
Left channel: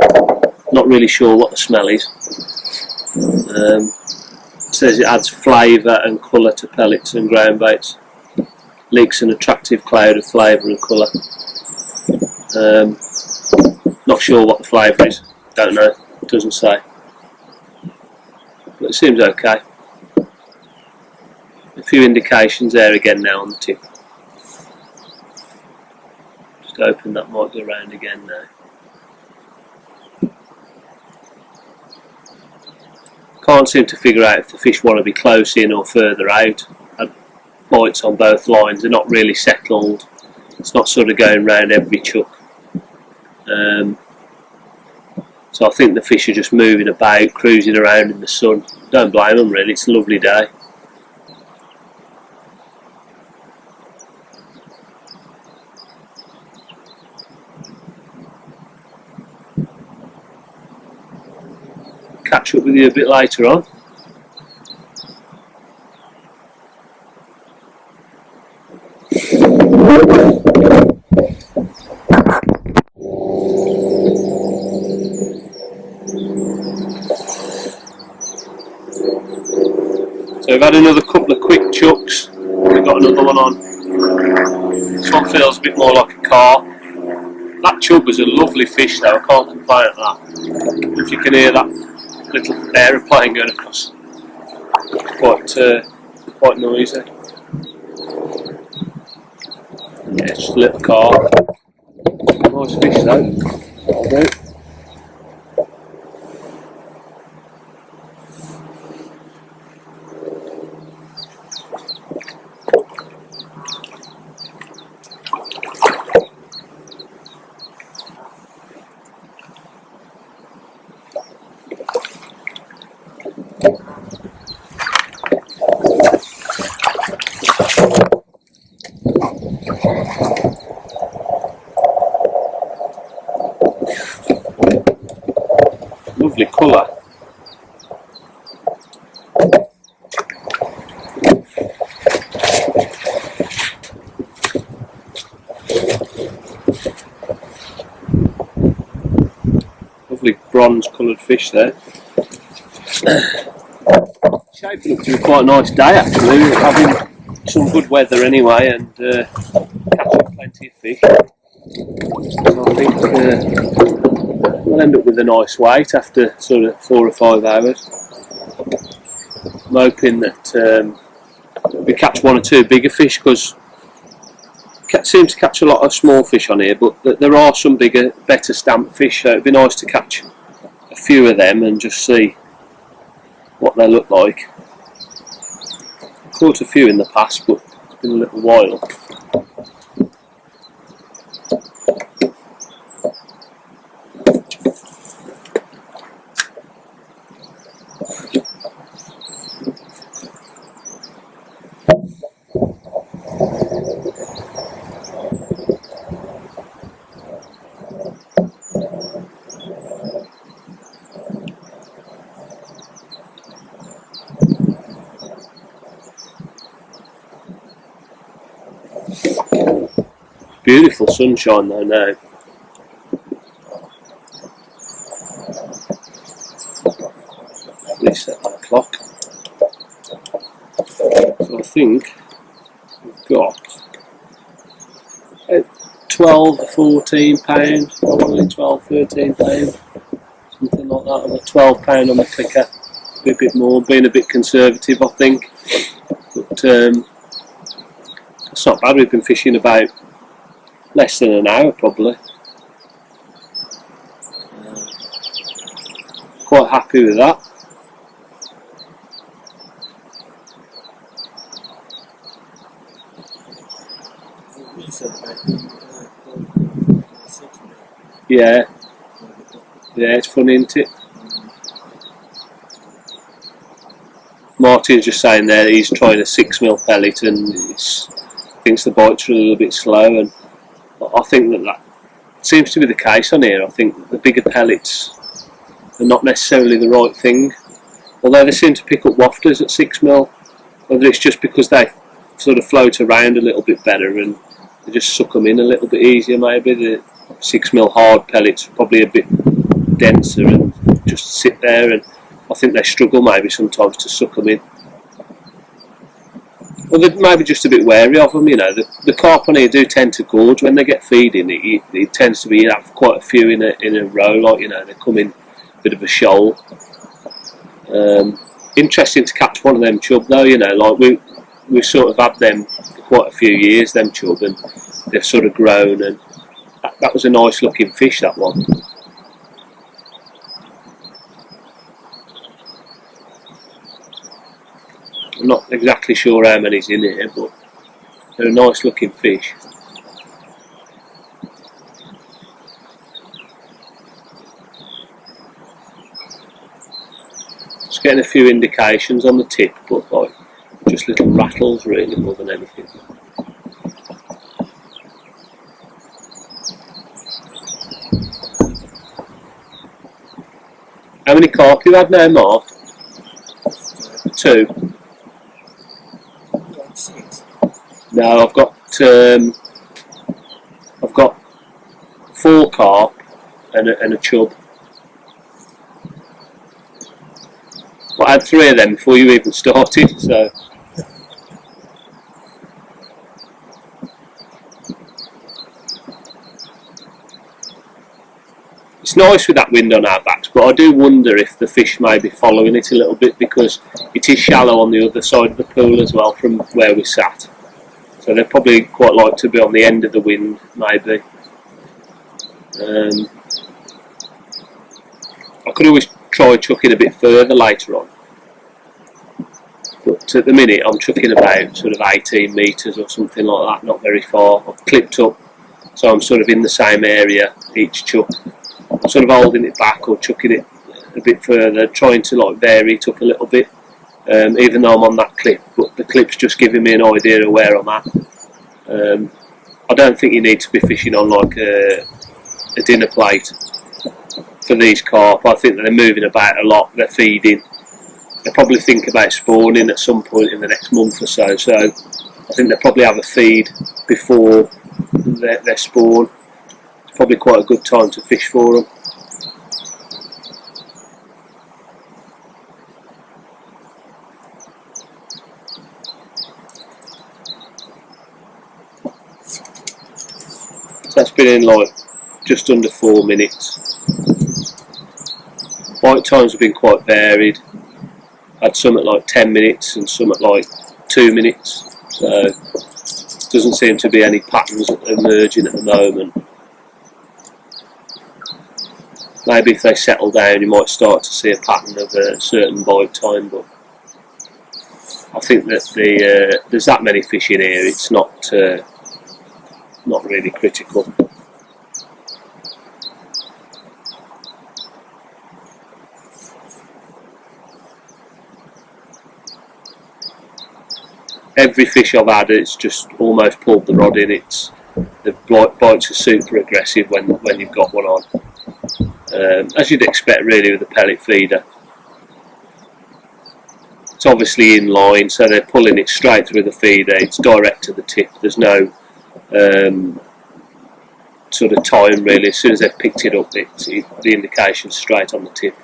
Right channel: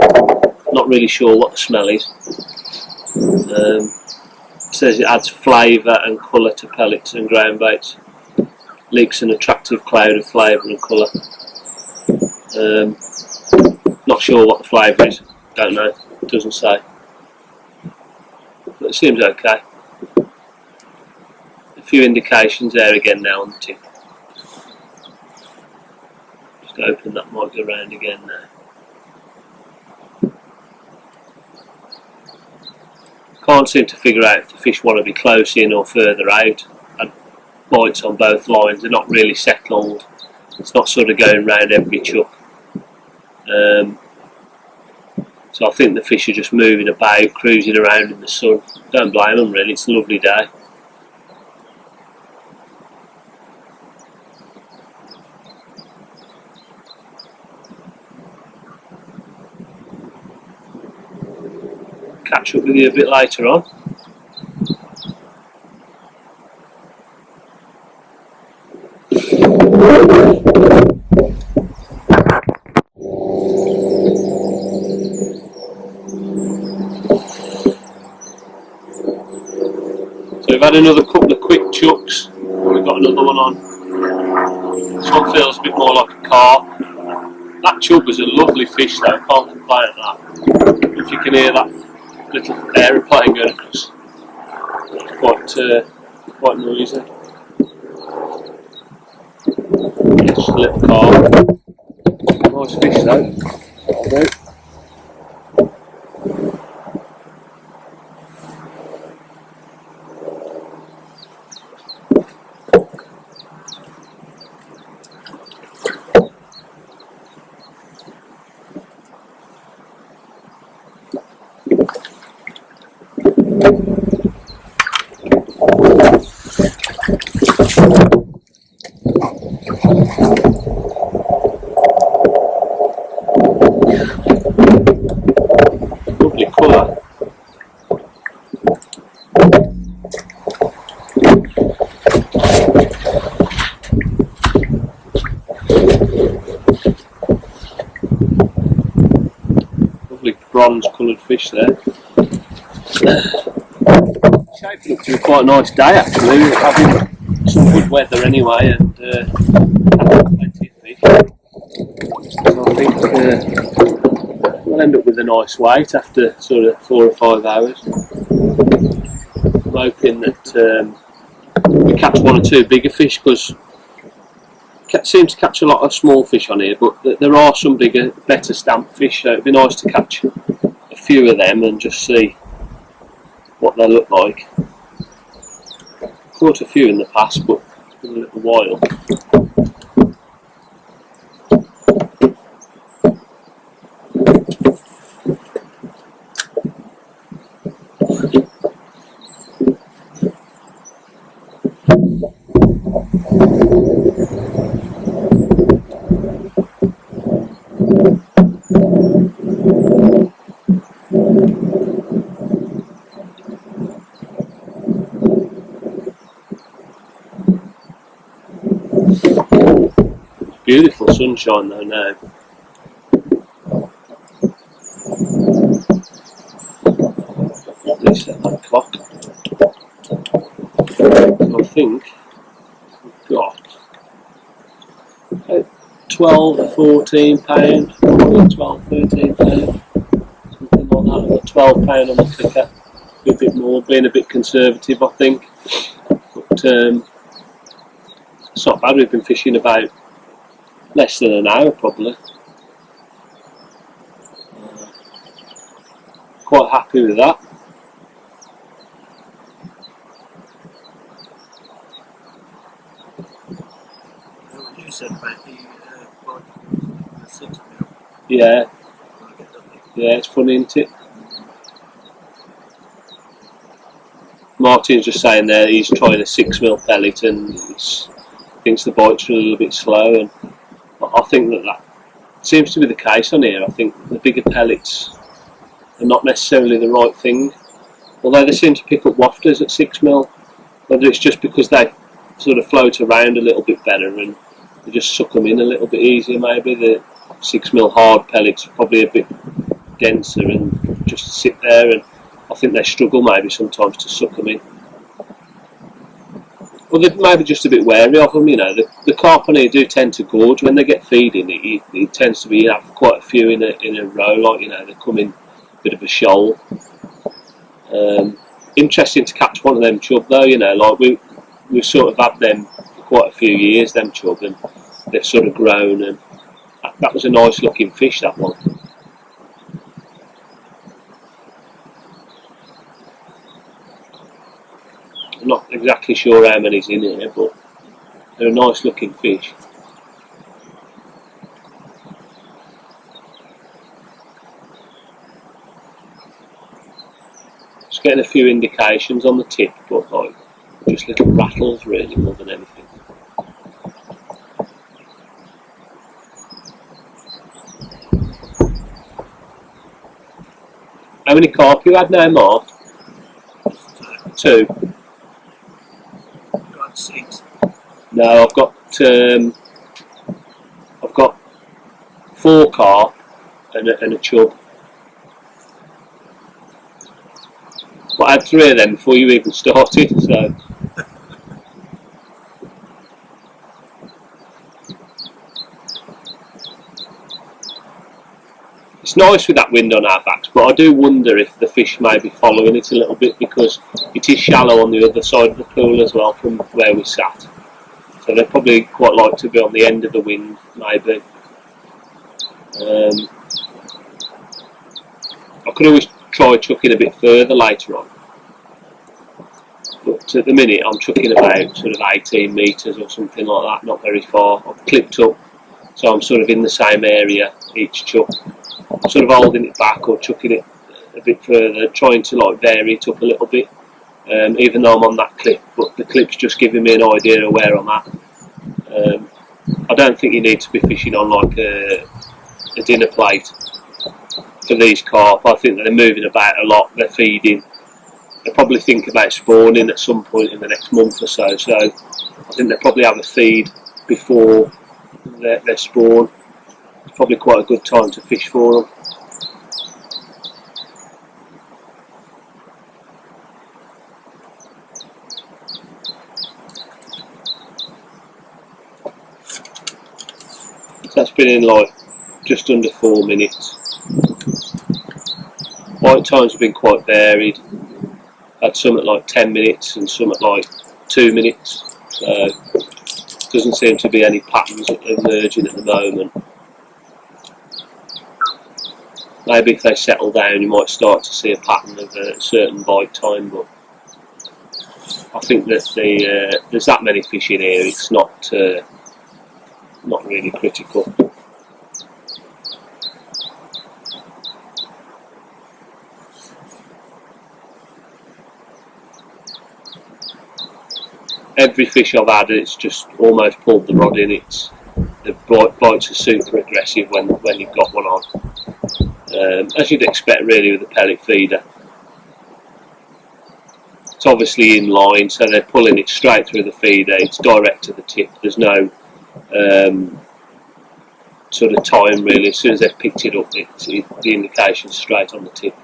Not really sure what the smell is. It says it adds flavour and colour to pellets and ground baits. Leaks an attractive cloud of flavour and colour. Not sure what the flavour is. Don't know. It doesn't say. But it seems okay. A few indications there again now on the tip. Just open that, might go round again now. Can't seem to figure out if the fish want to be close in or further out. Had bites on both lines. They're not really settled. It's not sort of going round every chuck. So I think the fish are just moving about, cruising around in the sun. Don't blame them really, it's a lovely day. catch up with you a bit later on. So we've had another couple of quick chucks. We've got another one on. This one feels a bit more like a carp. That chub was a lovely fish though, I can't complain at that. If you can hear that little aeroplane going across, quite noisy. Yeah, just a little carp. Nice fish though. That'll do. Lovely colour. Lovely bronze coloured fish there. Shaping up to be quite a nice day actually, having some good weather anyway and catching plenty of fish. So I think we'll end up with a nice weight after sort of 4 or 5 hours. I'm hoping that we catch 1 or 2 bigger fish because seem to catch a lot of small fish on here, but there are some bigger, better stamped fish, so it'd be nice to catch a few of them and just see what they look like. I've caught a few in the past, but it's been a little while. Beautiful sunshine though now. Reset that clock. So I think we've got 12 or 14 pound, probably 12, 13 pound, something like that. I've got 12 pound on the clicker, a bit more, being a bit conservative I think, but it's not bad. We've been fishing about less than an hour probably. Quite happy with that. What you said about the bike in the 6 mil. Yeah. Yeah, it's funny, isn't it? Martin's just saying there that he's trying a 6 mil pellet and he thinks the bites are a little bit slow, and I think that seems to be the case on here. I think the bigger pellets are not necessarily the right thing, although they seem to pick up wafters at 6 mil, whether it's just because they sort of float around a little bit better and they just suck them in a little bit easier maybe. The 6 mil hard pellets are probably a bit denser and just sit there, and I think they struggle maybe sometimes to suck them in. Well, they're maybe just a bit wary of them, you know. The carp on here do tend to gorge when they get feeding. It tends to be, you have quite a few in a row, like, you know, they come in a bit of a shoal. Interesting to catch one of them chub though, you know, like we sort of had them for quite a few years, them chub, and they've sort of grown, and that was a nice looking fish, that one. I'm not exactly sure how many's in here, but they're a nice looking fish. Just getting a few indications on the tip, but like just little rattles really more than anything. How many carp you had now, Mark? So, 2. you had 6. No, I've got 4 carp and a chub. But I had 3 of them before you even started, so. It's nice with that wind on our backs, but I do wonder if the fish may be following it a little bit, because it is shallow on the other side of the pool as well from where we sat. So they probably quite like to be on the end of the wind, maybe. I could always try chucking a bit further later on. But at the minute I'm chucking about sort of 18 metres or something like that, not very far. I've clipped up, so I'm sort of in the same area each chuck. I'm sort of holding it back or chucking it a bit further, trying to like vary it up a little bit, even though I'm on that clip, but the clip's just giving me an idea of where I'm at. I don't think you need to be fishing on like a dinner plate for these carp. I think that they're moving about a lot, they're feeding, they probably think about spawning at some point in the next month or so, so I think they probably have a feed before they spawn. It's probably quite a good time to fish for them. So that's been in like just under 4 minutes. Bite times have been quite varied. Had some at like 10 minutes and some at like 2 minutes. So doesn't seem to be any patterns emerging at the moment. Maybe if they settle down you might start to see a pattern of a certain bite time, but I think that there's that many fish in here, it's not really critical. Every fish I've had, it's just almost pulled the rod in. The bites are super aggressive when you've got one on, as you'd expect really with a pellet feeder. It's obviously in line, so they're pulling it straight through the feeder. It's direct to the tip. There's no sort of time really. As soon as they've picked it up, the indication's straight on the tip.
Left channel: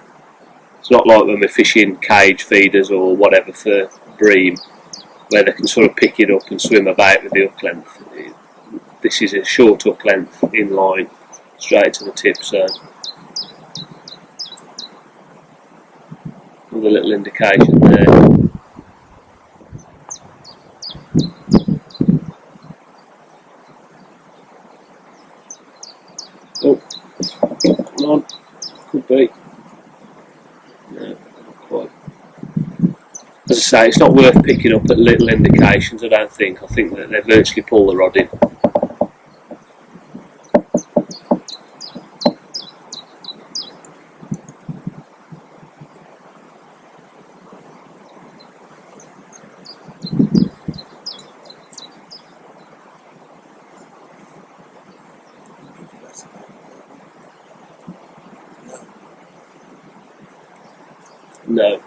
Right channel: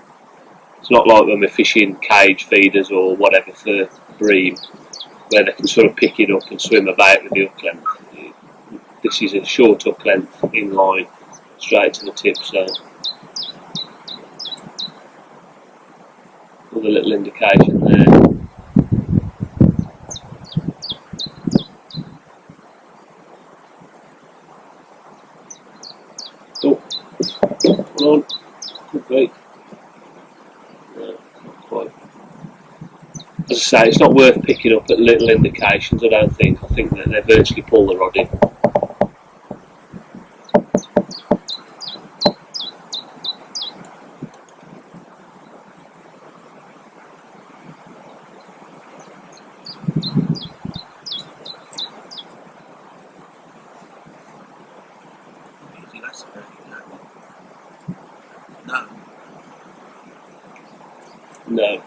It's not like when we're fishing cage feeders or whatever for bream, where they can sort of pick it up and swim about with the hook length. This is a short hook length in line, straight to the tip, so another little indication there. Oh, come on, could be. No, not quite. As I say, it's not worth picking up at little indications, I don't think. I think that they virtually pull the rod in. No.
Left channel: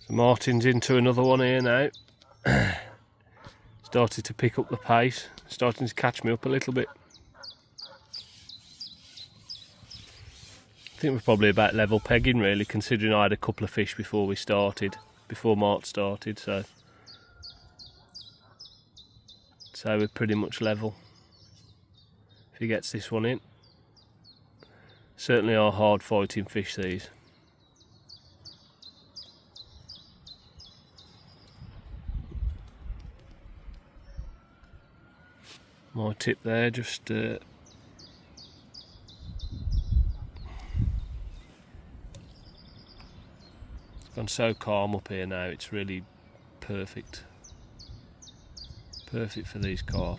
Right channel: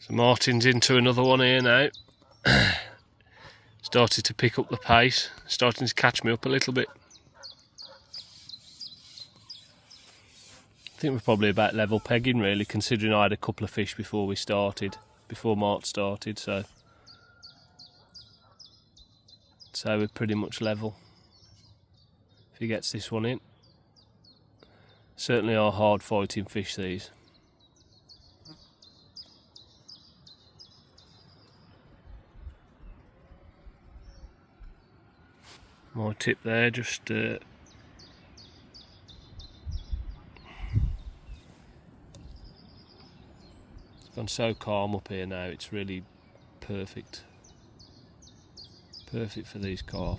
So Martin's into another one here now. Started to pick up the pace, starting to catch me up a little bit. I think we're probably about level pegging really, considering I had a couple of fish before Mart started, so we're pretty much level. If he gets this one in. Certainly are hard fighting fish, these. My tip there, just it's gone so calm up here now, it's really perfect for these carp.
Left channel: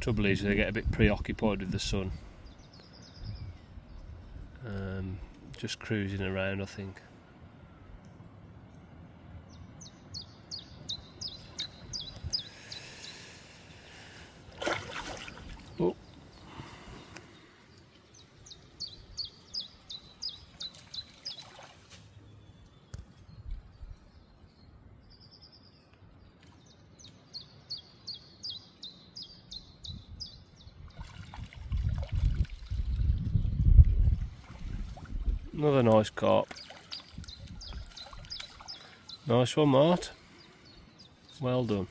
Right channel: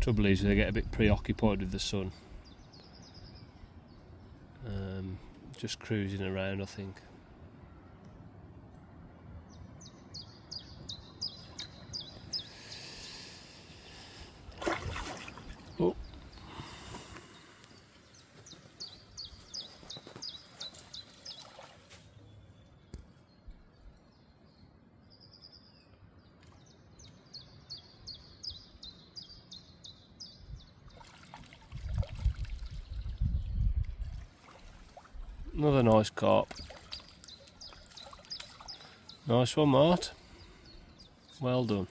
Trouble is they get a bit preoccupied with the sun. Just cruising around, I think. Oh. Another nice carp. Nice one, Mart. Well done.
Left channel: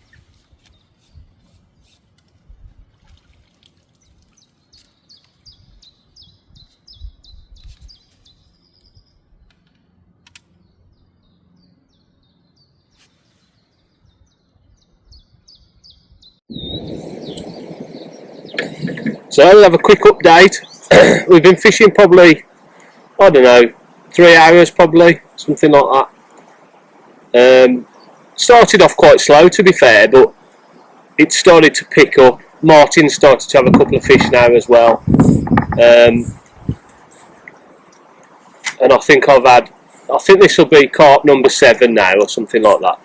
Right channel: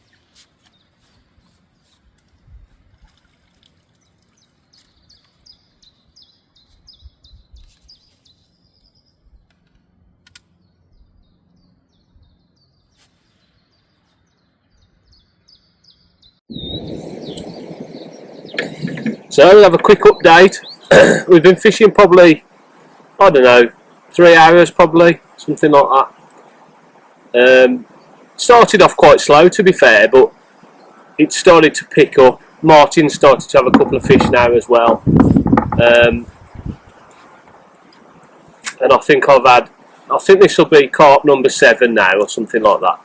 So we'll have a quick update. We've been fishing probably, I don't know, 3 hours probably, something like that. Started off quite slow, to be fair, but it started to pick up. Martin started to have a couple of fish now as well. And I think I think this will be carp number 7 now or something like that.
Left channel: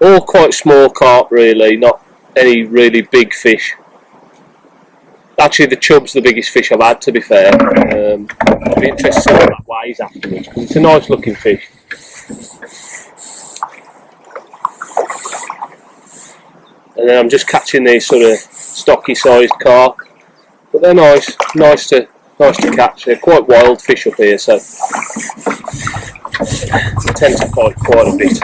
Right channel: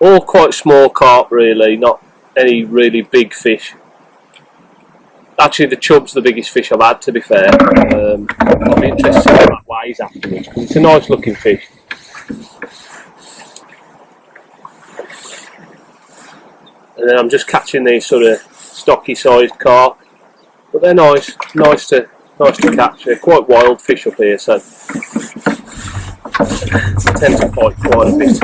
All quite small carp really, not any really big fish. Actually, the chub's the biggest fish I've had, to be fair. I'll be interested to see how that weighs afterwards. It's a nice looking fish. And then I'm just catching these sort of stocky sized carp, but they're nice to catch. They're quite wild fish up here, so they tend to fight quite a bit.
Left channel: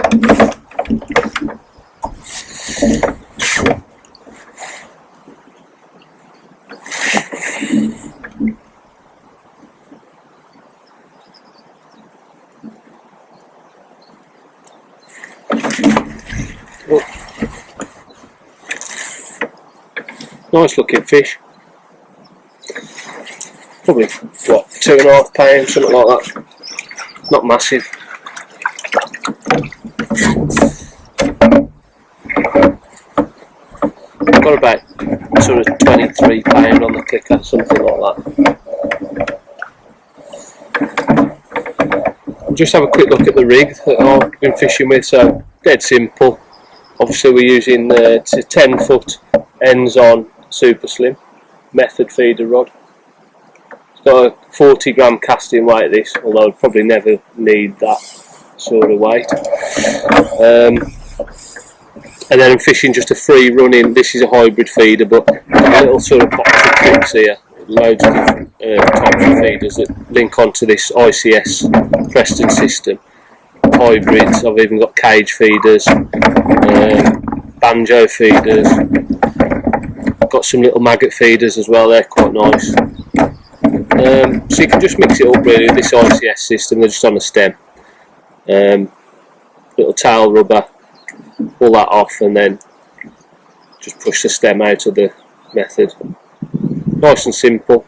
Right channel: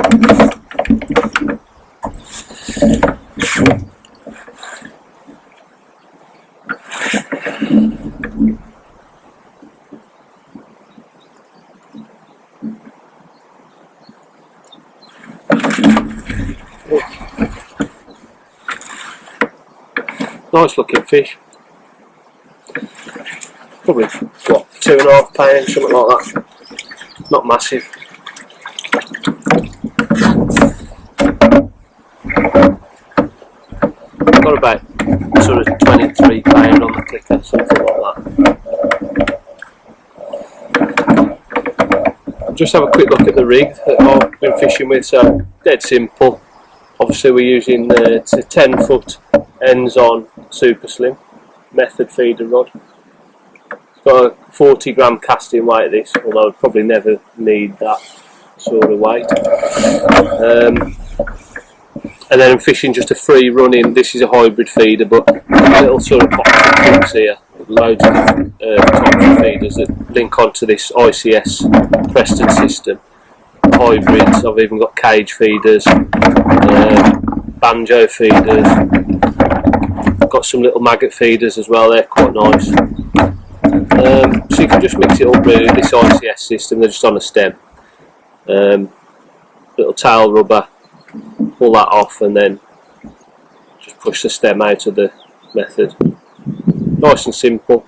Nice looking fish. Probably, what, 2.5 pounds, something like that. Not massive. Got about sort of 23 pound on the clicker, something like that. Just have a quick look at the rig that I've been fishing with. So dead simple. Obviously we're using the 10-foot ends on super slim method feeder rod. It's got a 40 gram casting weight this, although I'd probably never need that sort of weight. And then I'm fishing just a free running. This is a hybrid feeder, but I've got a little sort of box of clips here, loads of different types of feeders that link onto this ICS Preston system. Hybrids, I've even got cage feeders, banjo feeders, got some little maggot feeders as well, they're quite nice. So you can just mix it up really with this ICS system. They're just on a stem, little tail rubber, pull that off and then just push the stem out of the method. Nice and simple.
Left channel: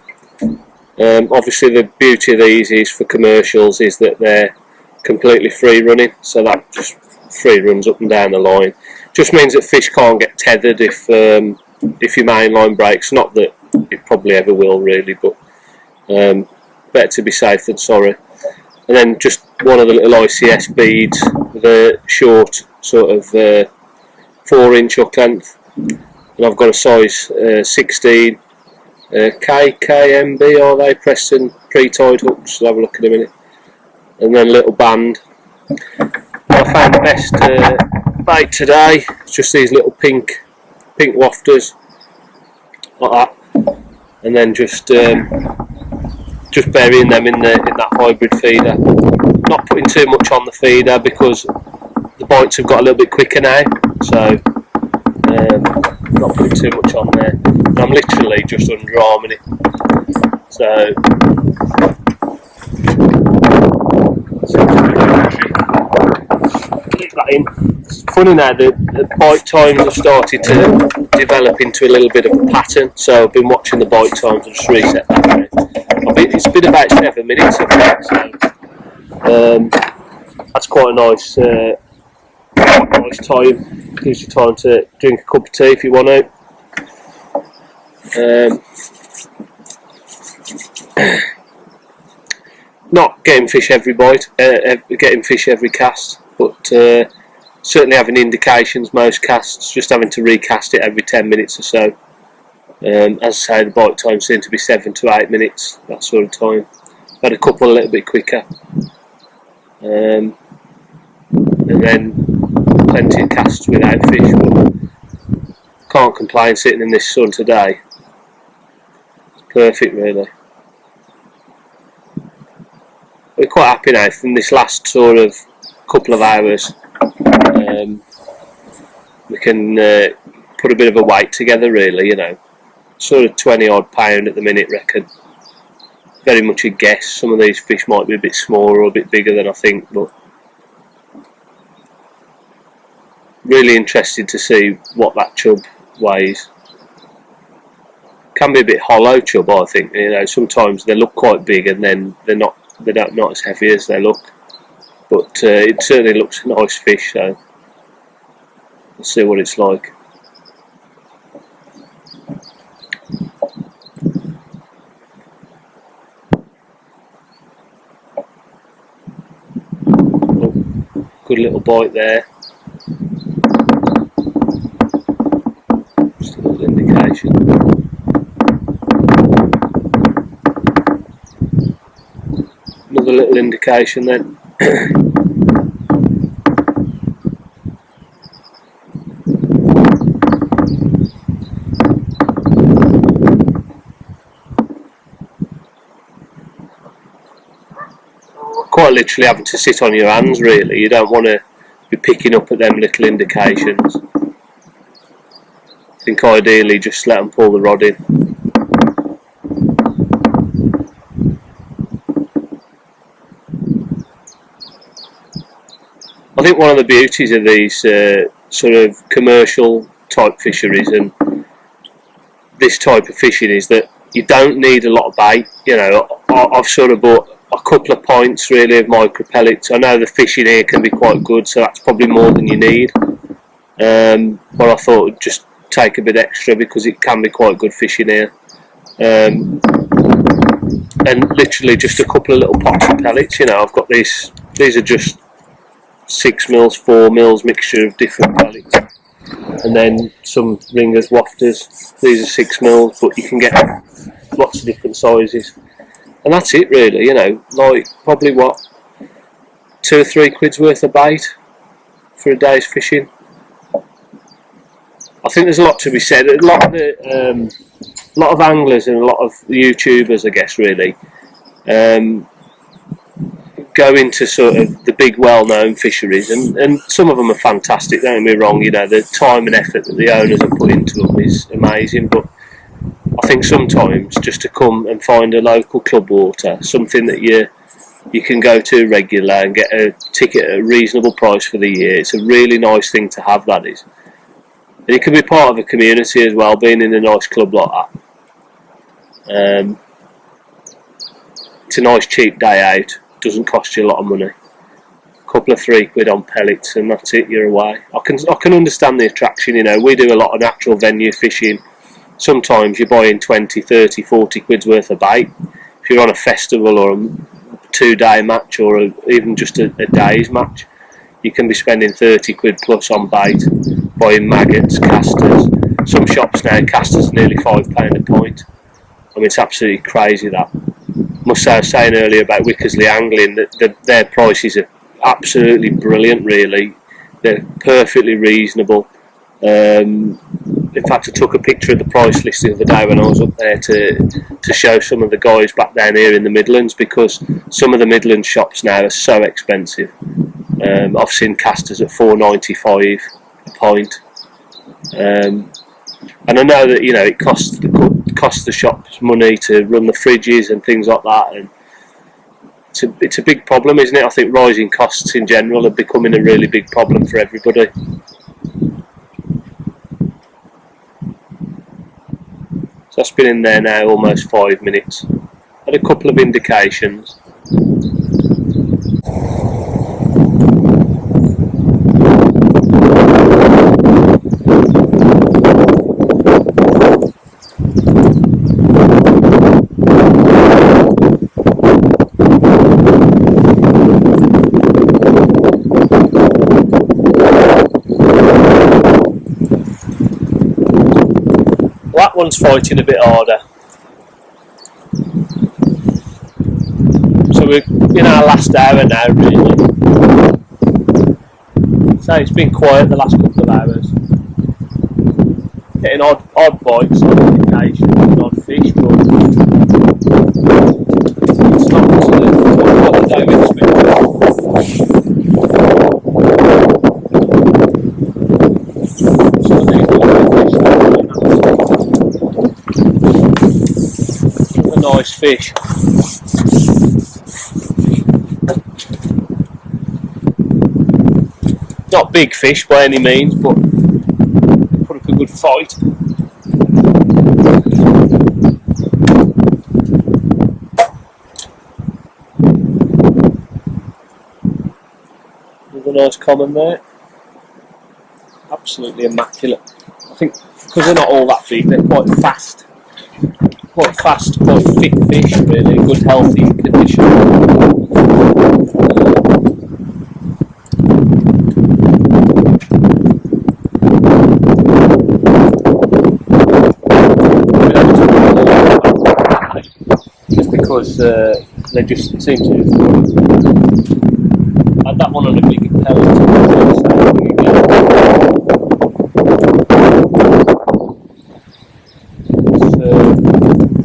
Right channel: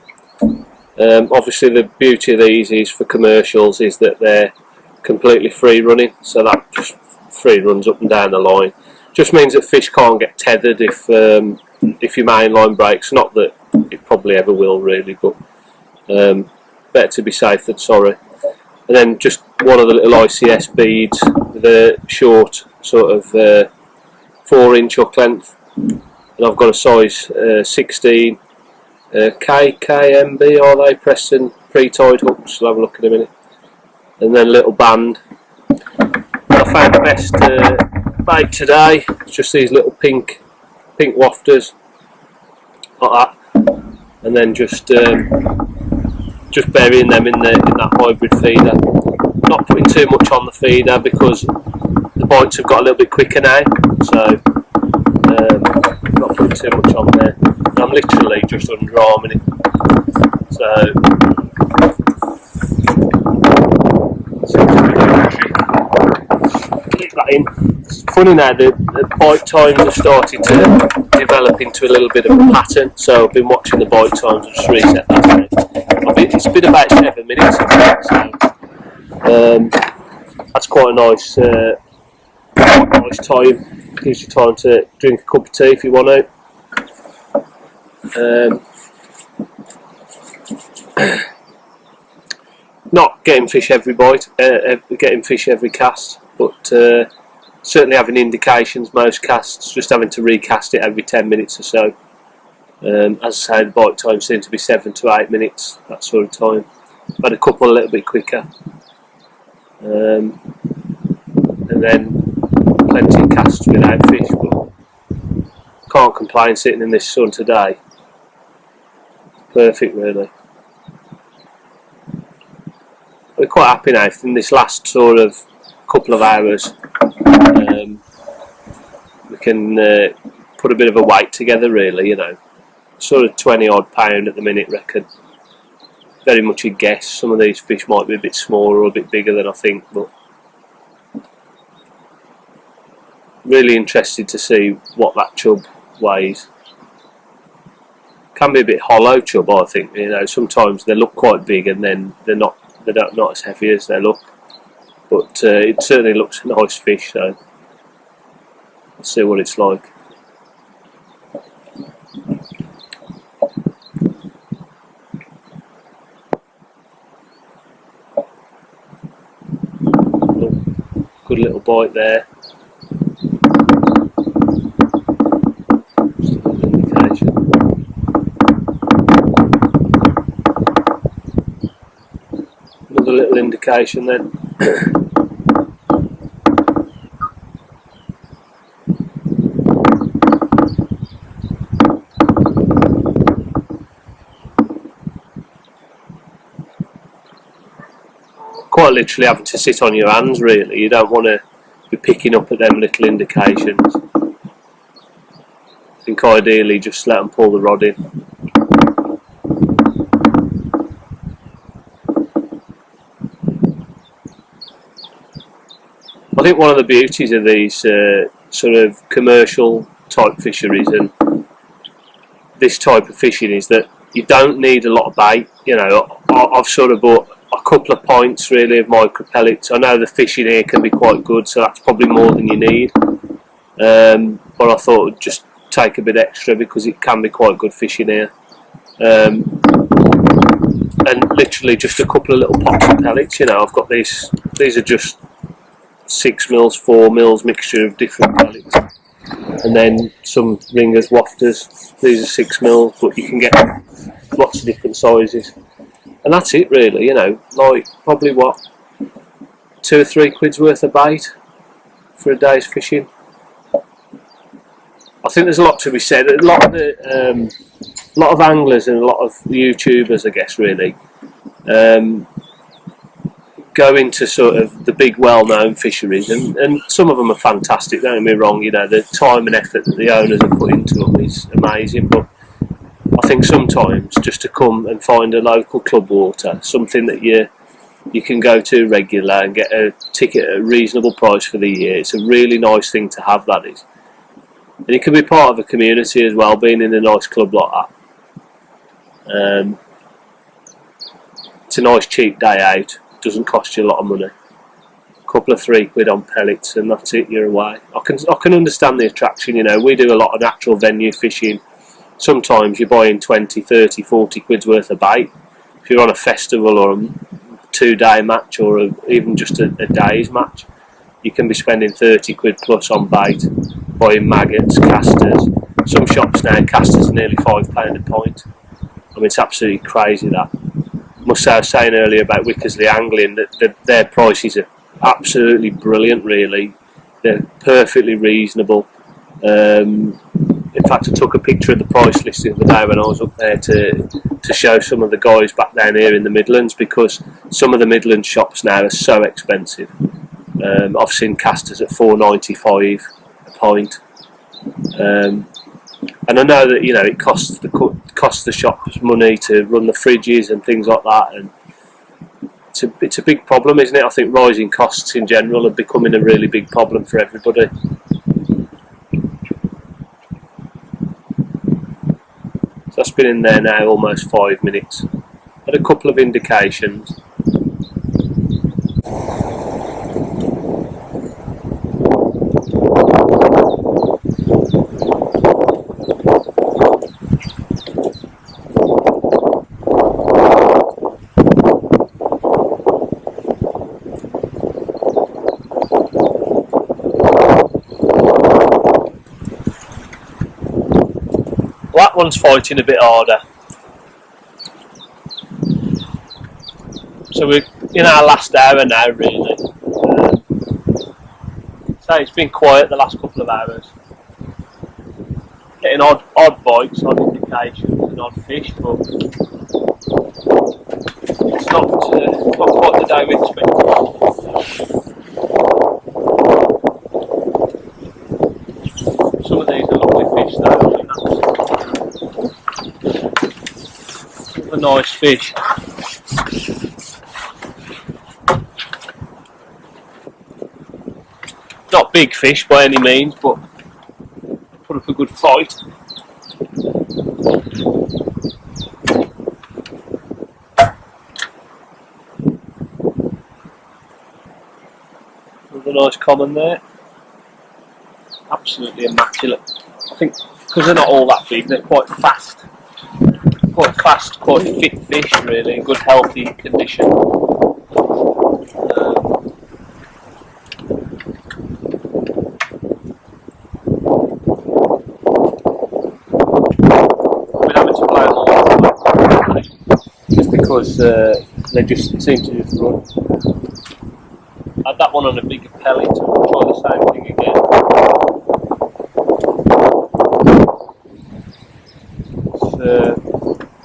Obviously the beauty of these is for commercials is that they're completely free running, so that just free runs up and down the line. Just means that fish can't get tethered if your main line breaks. Not that it probably ever will really, but better to be safe than sorry. And then just one of the little ICS beads with a short sort of 4-inch hook length, and I've got a size 16 KMB are they, Preston pre-tied hooks. I'll have a look in a minute. And then a little band. And I found the best bait today. It's just these little pink wafters like that, and then just burying them in that hybrid feeder. Not putting too much on the feeder because the bites have got a little bit quicker now, so not putting too much on there. And I'm literally just underarming it. So keep that in. It's funny now, the bite times have started to develop into a little bit of a pattern, so I've been watching the bite times and just reset that now. It's been about 7 minutes of it, so that's quite a nice time. Gives you time to drink a cup of tea if you want to. not getting fish every bite, getting fish every cast, but certainly having indications most casts, just having to recast it every 10 minutes or so. As I say, the bite time seemed to be 7 to 8 minutes, that sort of time. Had a couple a little bit quicker, and then plenty of casts without fish, but can't complain sitting in this sun today. It's perfect, really. We're quite happy now in this last sort of couple of hours. We can put a bit of a weight together, really, you know, sort of 20 odd pound at the minute, reckon. Very much a guess. Some of these fish might be a bit smaller or a bit bigger than I think, but really interested to see what that chub weighs. Can be a bit hollow chub, I think. You know, sometimes they look quite big and then they're not as heavy as they look. But it certainly looks a nice fish, so we'll see what it's like. Oh, good little bite there. Just a little indication. Another little indication then. Quite literally having to sit on your hands, really. You don't want to be picking up at them little indications. I think ideally just let them pull the rod in. I think one of the beauties of these sort of commercial type fisheries and this type of fishing is that you don't need a lot of bait. You know, I've sort of bought a couple of pints really of micro pellets. I know the fishing here can be quite good, so that's probably more than you need. But I thought I'd just take a bit extra because it can be quite good fishing here. And literally just a couple of little pots of pellets. You know, I've got these are just 6 mils, 4 mils mixture of different pellets, and then some ringers, wafters. These are 6 mils, but you can get lots of different sizes, and that's it really. You know, like probably what, 2 or 3 quid's worth of bait for a day's fishing. I think there's a lot to be said. A lot of anglers and a lot of YouTubers, I guess, really go into sort of the big well-known fisheries, and some of them are fantastic, don't get me wrong. You know, the time and effort that the owners have put into them is amazing, but I think sometimes just to come and find a local club water, something that you can go to regular and get a ticket at a reasonable price for the year, it's a really nice thing to have, that is. And it can be part of a community as well, being in a nice club like that. It's a nice cheap day out. Doesn't cost you a lot of money. A couple of 3 quid on pellets and that's it, you're away. I can understand the attraction. You know, we do a lot of natural venue fishing. Sometimes you're buying 20, 30, 40 quid's worth of bait. If you're on a festival or a 2-day match or even just a day's match, you can be spending 30 quid plus on bait, buying maggots, casters. Some shops now, casters are nearly £5 a pint. I mean, it's absolutely crazy, that. Must say, I was saying earlier about Wickersley Angling that their prices are absolutely brilliant, really. They're perfectly reasonable. In fact, I took a picture of the price list the other day when I was up there to show some of the guys back down here in the Midlands, because some of the Midlands shops now are so expensive. I've seen casters at £4.95 a pint. And I know that, you know, it costs the shops money to run the fridges and things like that, and it's a big problem, isn't it? I think rising costs in general are becoming a really big problem for everybody. So that's been in there now almost 5 minutes. Had a couple of indications. That one's fighting a bit harder. So we're in our last hour now, really. So it's been quiet the last couple of hours. Getting odd bites, odd indications, and odd fish, but it's not quite the day we expected. Some of these are lovely fish, that's a nice fish. Not big fish by any means, but put up a good fight. Another nice common there. Absolutely immaculate. I think because they're not all that big, they're quite fast. Quite fit fish, really. Good, healthy condition. Just because they just seem to run. I had that one on a bigger pellet, so I'll try the same thing again.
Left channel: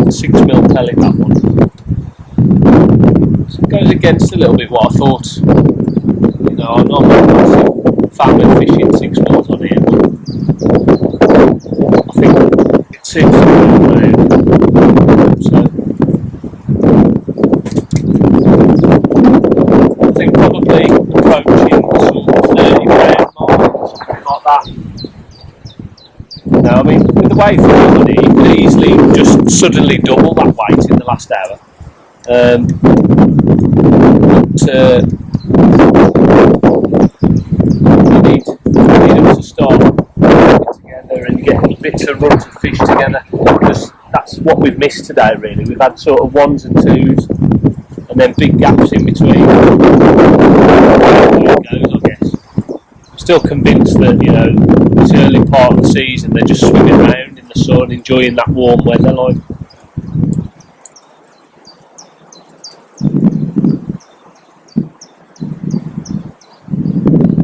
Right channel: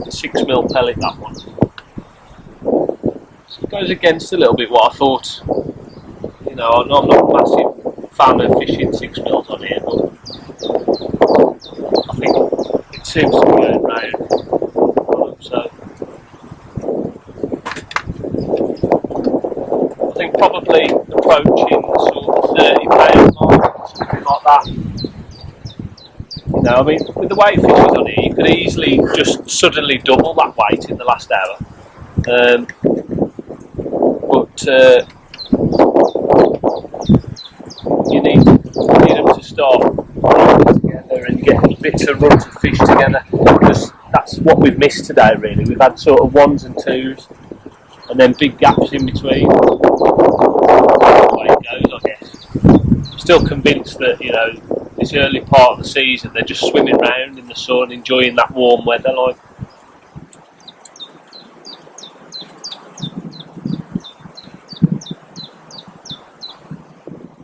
It's a 6mm pellet, that one. So it goes against a little bit what I thought. You know, I'm not a massive fan of fishing 6mm on here, but I think it seems to be around. So I think probably approaching the sort of £30 mark, something like that. No, I mean, with the way fishing on here, you could easily just suddenly double that weight in the last hour. But you need them to start together and get bits of runs of fish together, because that's what we've missed today, really. We've had sort of ones and twos, and then big gaps in between. That's the way it goes, I guess. I'm still convinced that, you know, this early part of the season, they're just swimming around in the sun, enjoying that warm weather, like.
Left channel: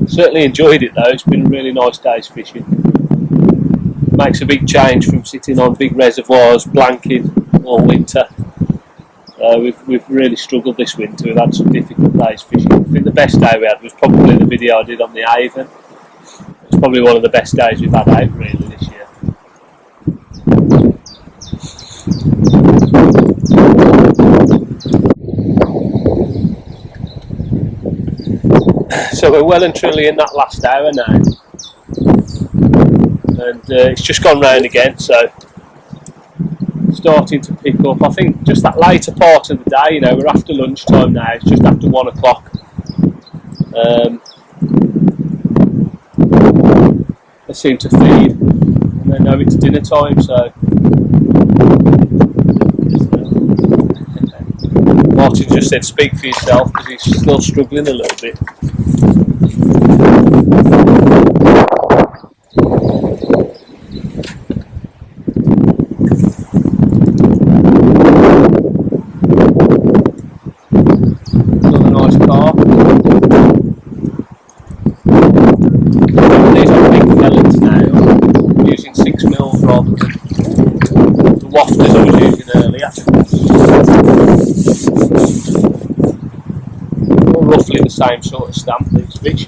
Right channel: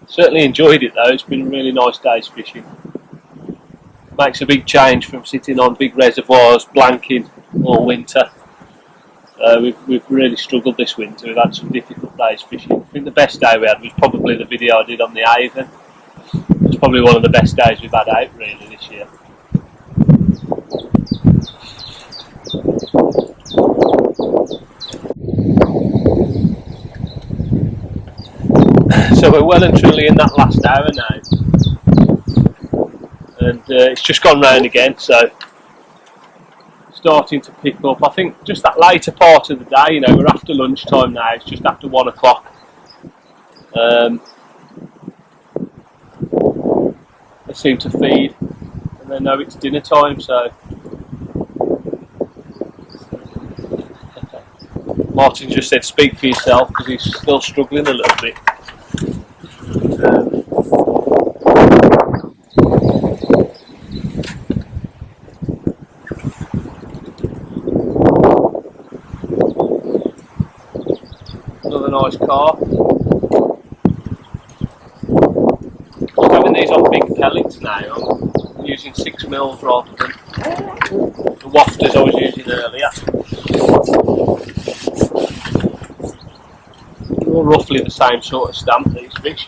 Certainly enjoyed it though. It's been a really nice day's fishing. Makes a big change from sitting on big reservoirs blanking all winter. We've really struggled this winter. We've had some difficult days fishing. I think the best day we had was probably the video I did on the Avon. It's probably one of the best days we've had out really this year. So we're well and truly in that last hour now, and it's just gone round again, so starting to pick up. I think just that later part of the day, you know, we're after lunchtime now, it's just after 1 o'clock. They seem to feed and they know it's dinner time, so Martin just said speak for yourself, because he's still struggling a little bit. Another nice carp. Just having these on big pellets now. I'm using 6mm rather than the wafters I was using earlier. All roughly the same sort of stamp, these fish.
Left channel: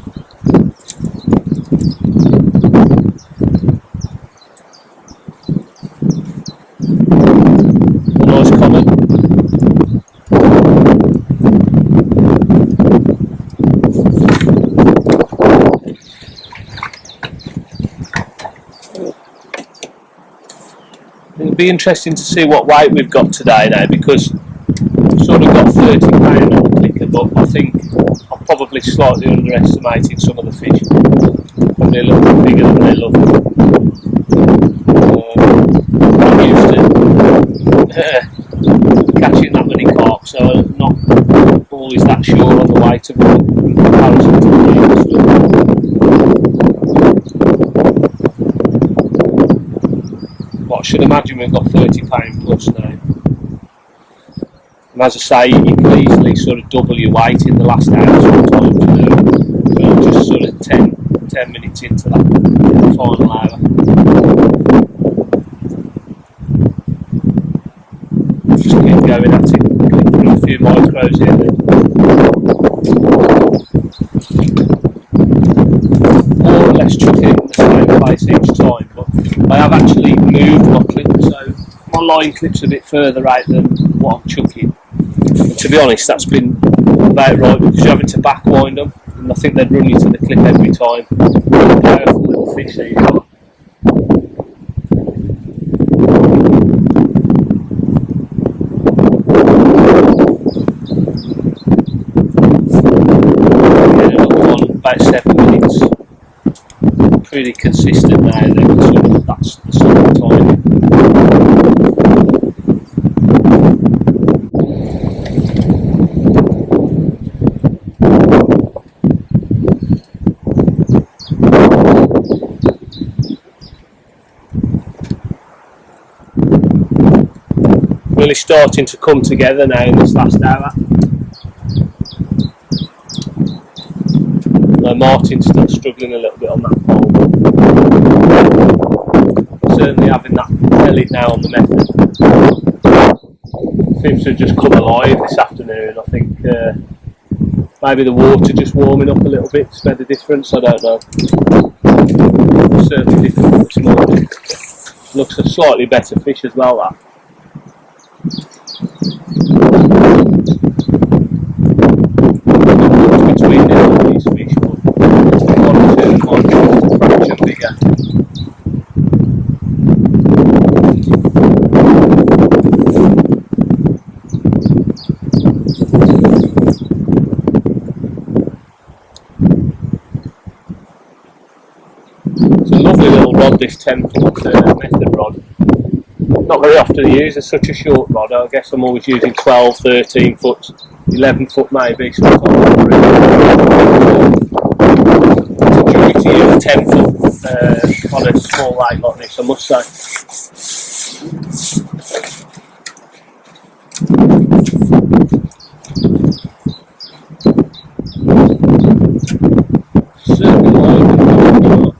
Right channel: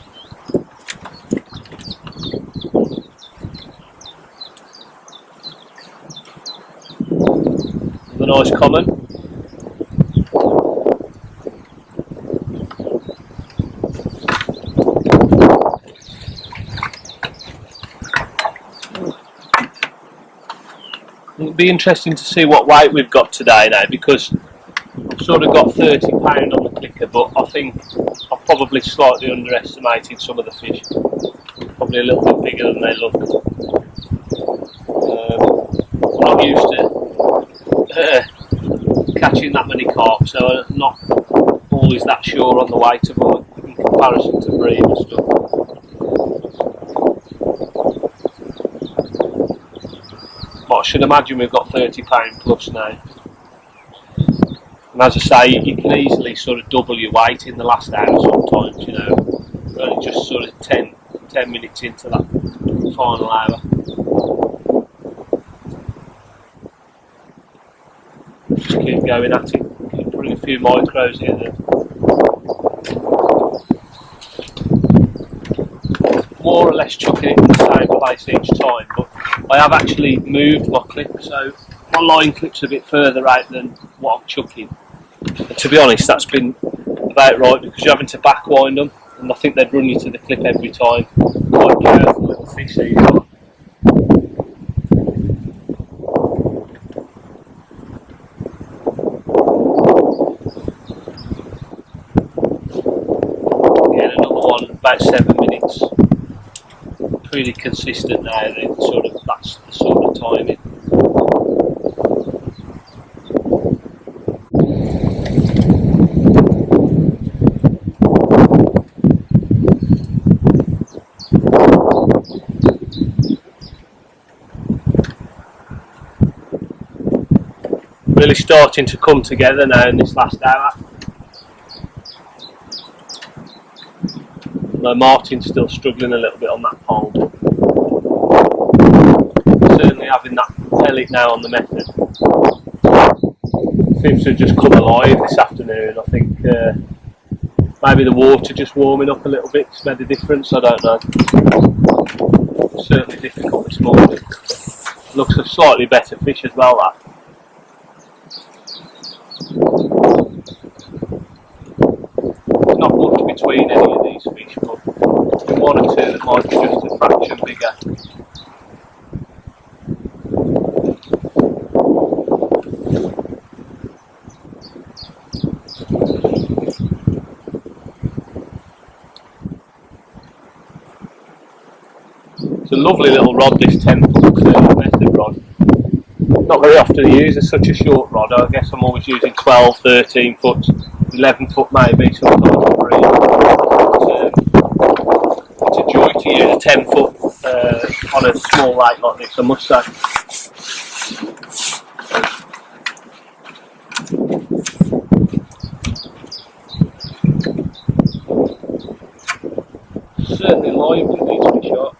The nice common. It'll be interesting to see what weight we've got today now, because I've sort of got £30 on the clicker, but I think I've probably slightly underestimated some of the fish. Probably a little bit bigger than they look. I'm not used to catching that many carp, so I'm not always that sure on the weight of them in comparison to the previous one. but I should imagine we've got £30 plus now. And as I say, you can easily sort of double your weight in the last hour sometimes, you know. We're just sort of 10 minutes into that final hour. Just keep going at it, click through a few micros here and more or less chucking it in the same place each time, but I have actually moved my clip, so my line clip's a bit further out than what I'm chucking. And to be honest, that's been about right because you're having to back wind them, and I think they'd run you to the clip every time. Quite a powerful little fish these are. Again, another one about 7 minutes. Pretty consistent now. Then sort of that's the sort of timing. Really starting to come together now in this last hour. Though Martin's still struggling a little bit on that pole, but certainly having that pellet now on the method seems to have just come alive this afternoon. I think maybe the water just warming up a little bit's made a difference, I don't know. It's certainly difficult this morning. Looks a slightly better fish as well, that. Not much between any of these fish, but one or two that might be just a fraction bigger. It's a lovely little rod, this 10-foot method rod. Not very often used as such a short rod. I guess I'm always using 12, 13 foot, 11 foot maybe sometimes. It's a joy to use a 10 foot on a small lake like this, I must say. Certainly live and decent shot.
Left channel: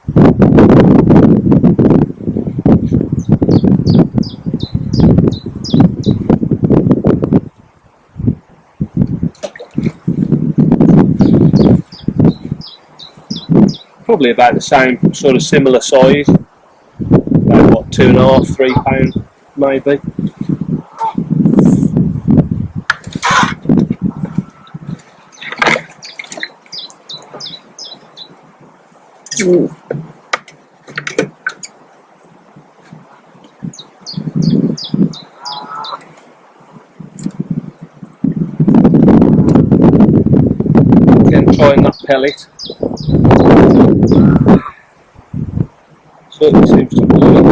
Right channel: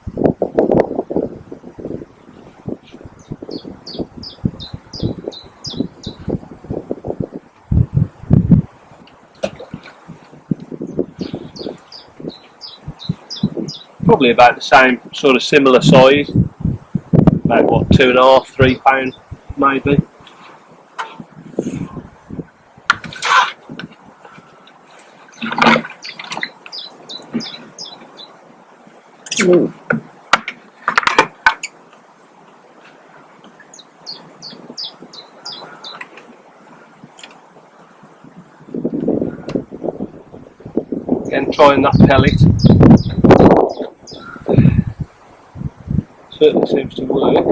Probably about the same, sort of similar size, about what, £2.5, £3 maybe. Again, trying that pellet. Certainly seems to work.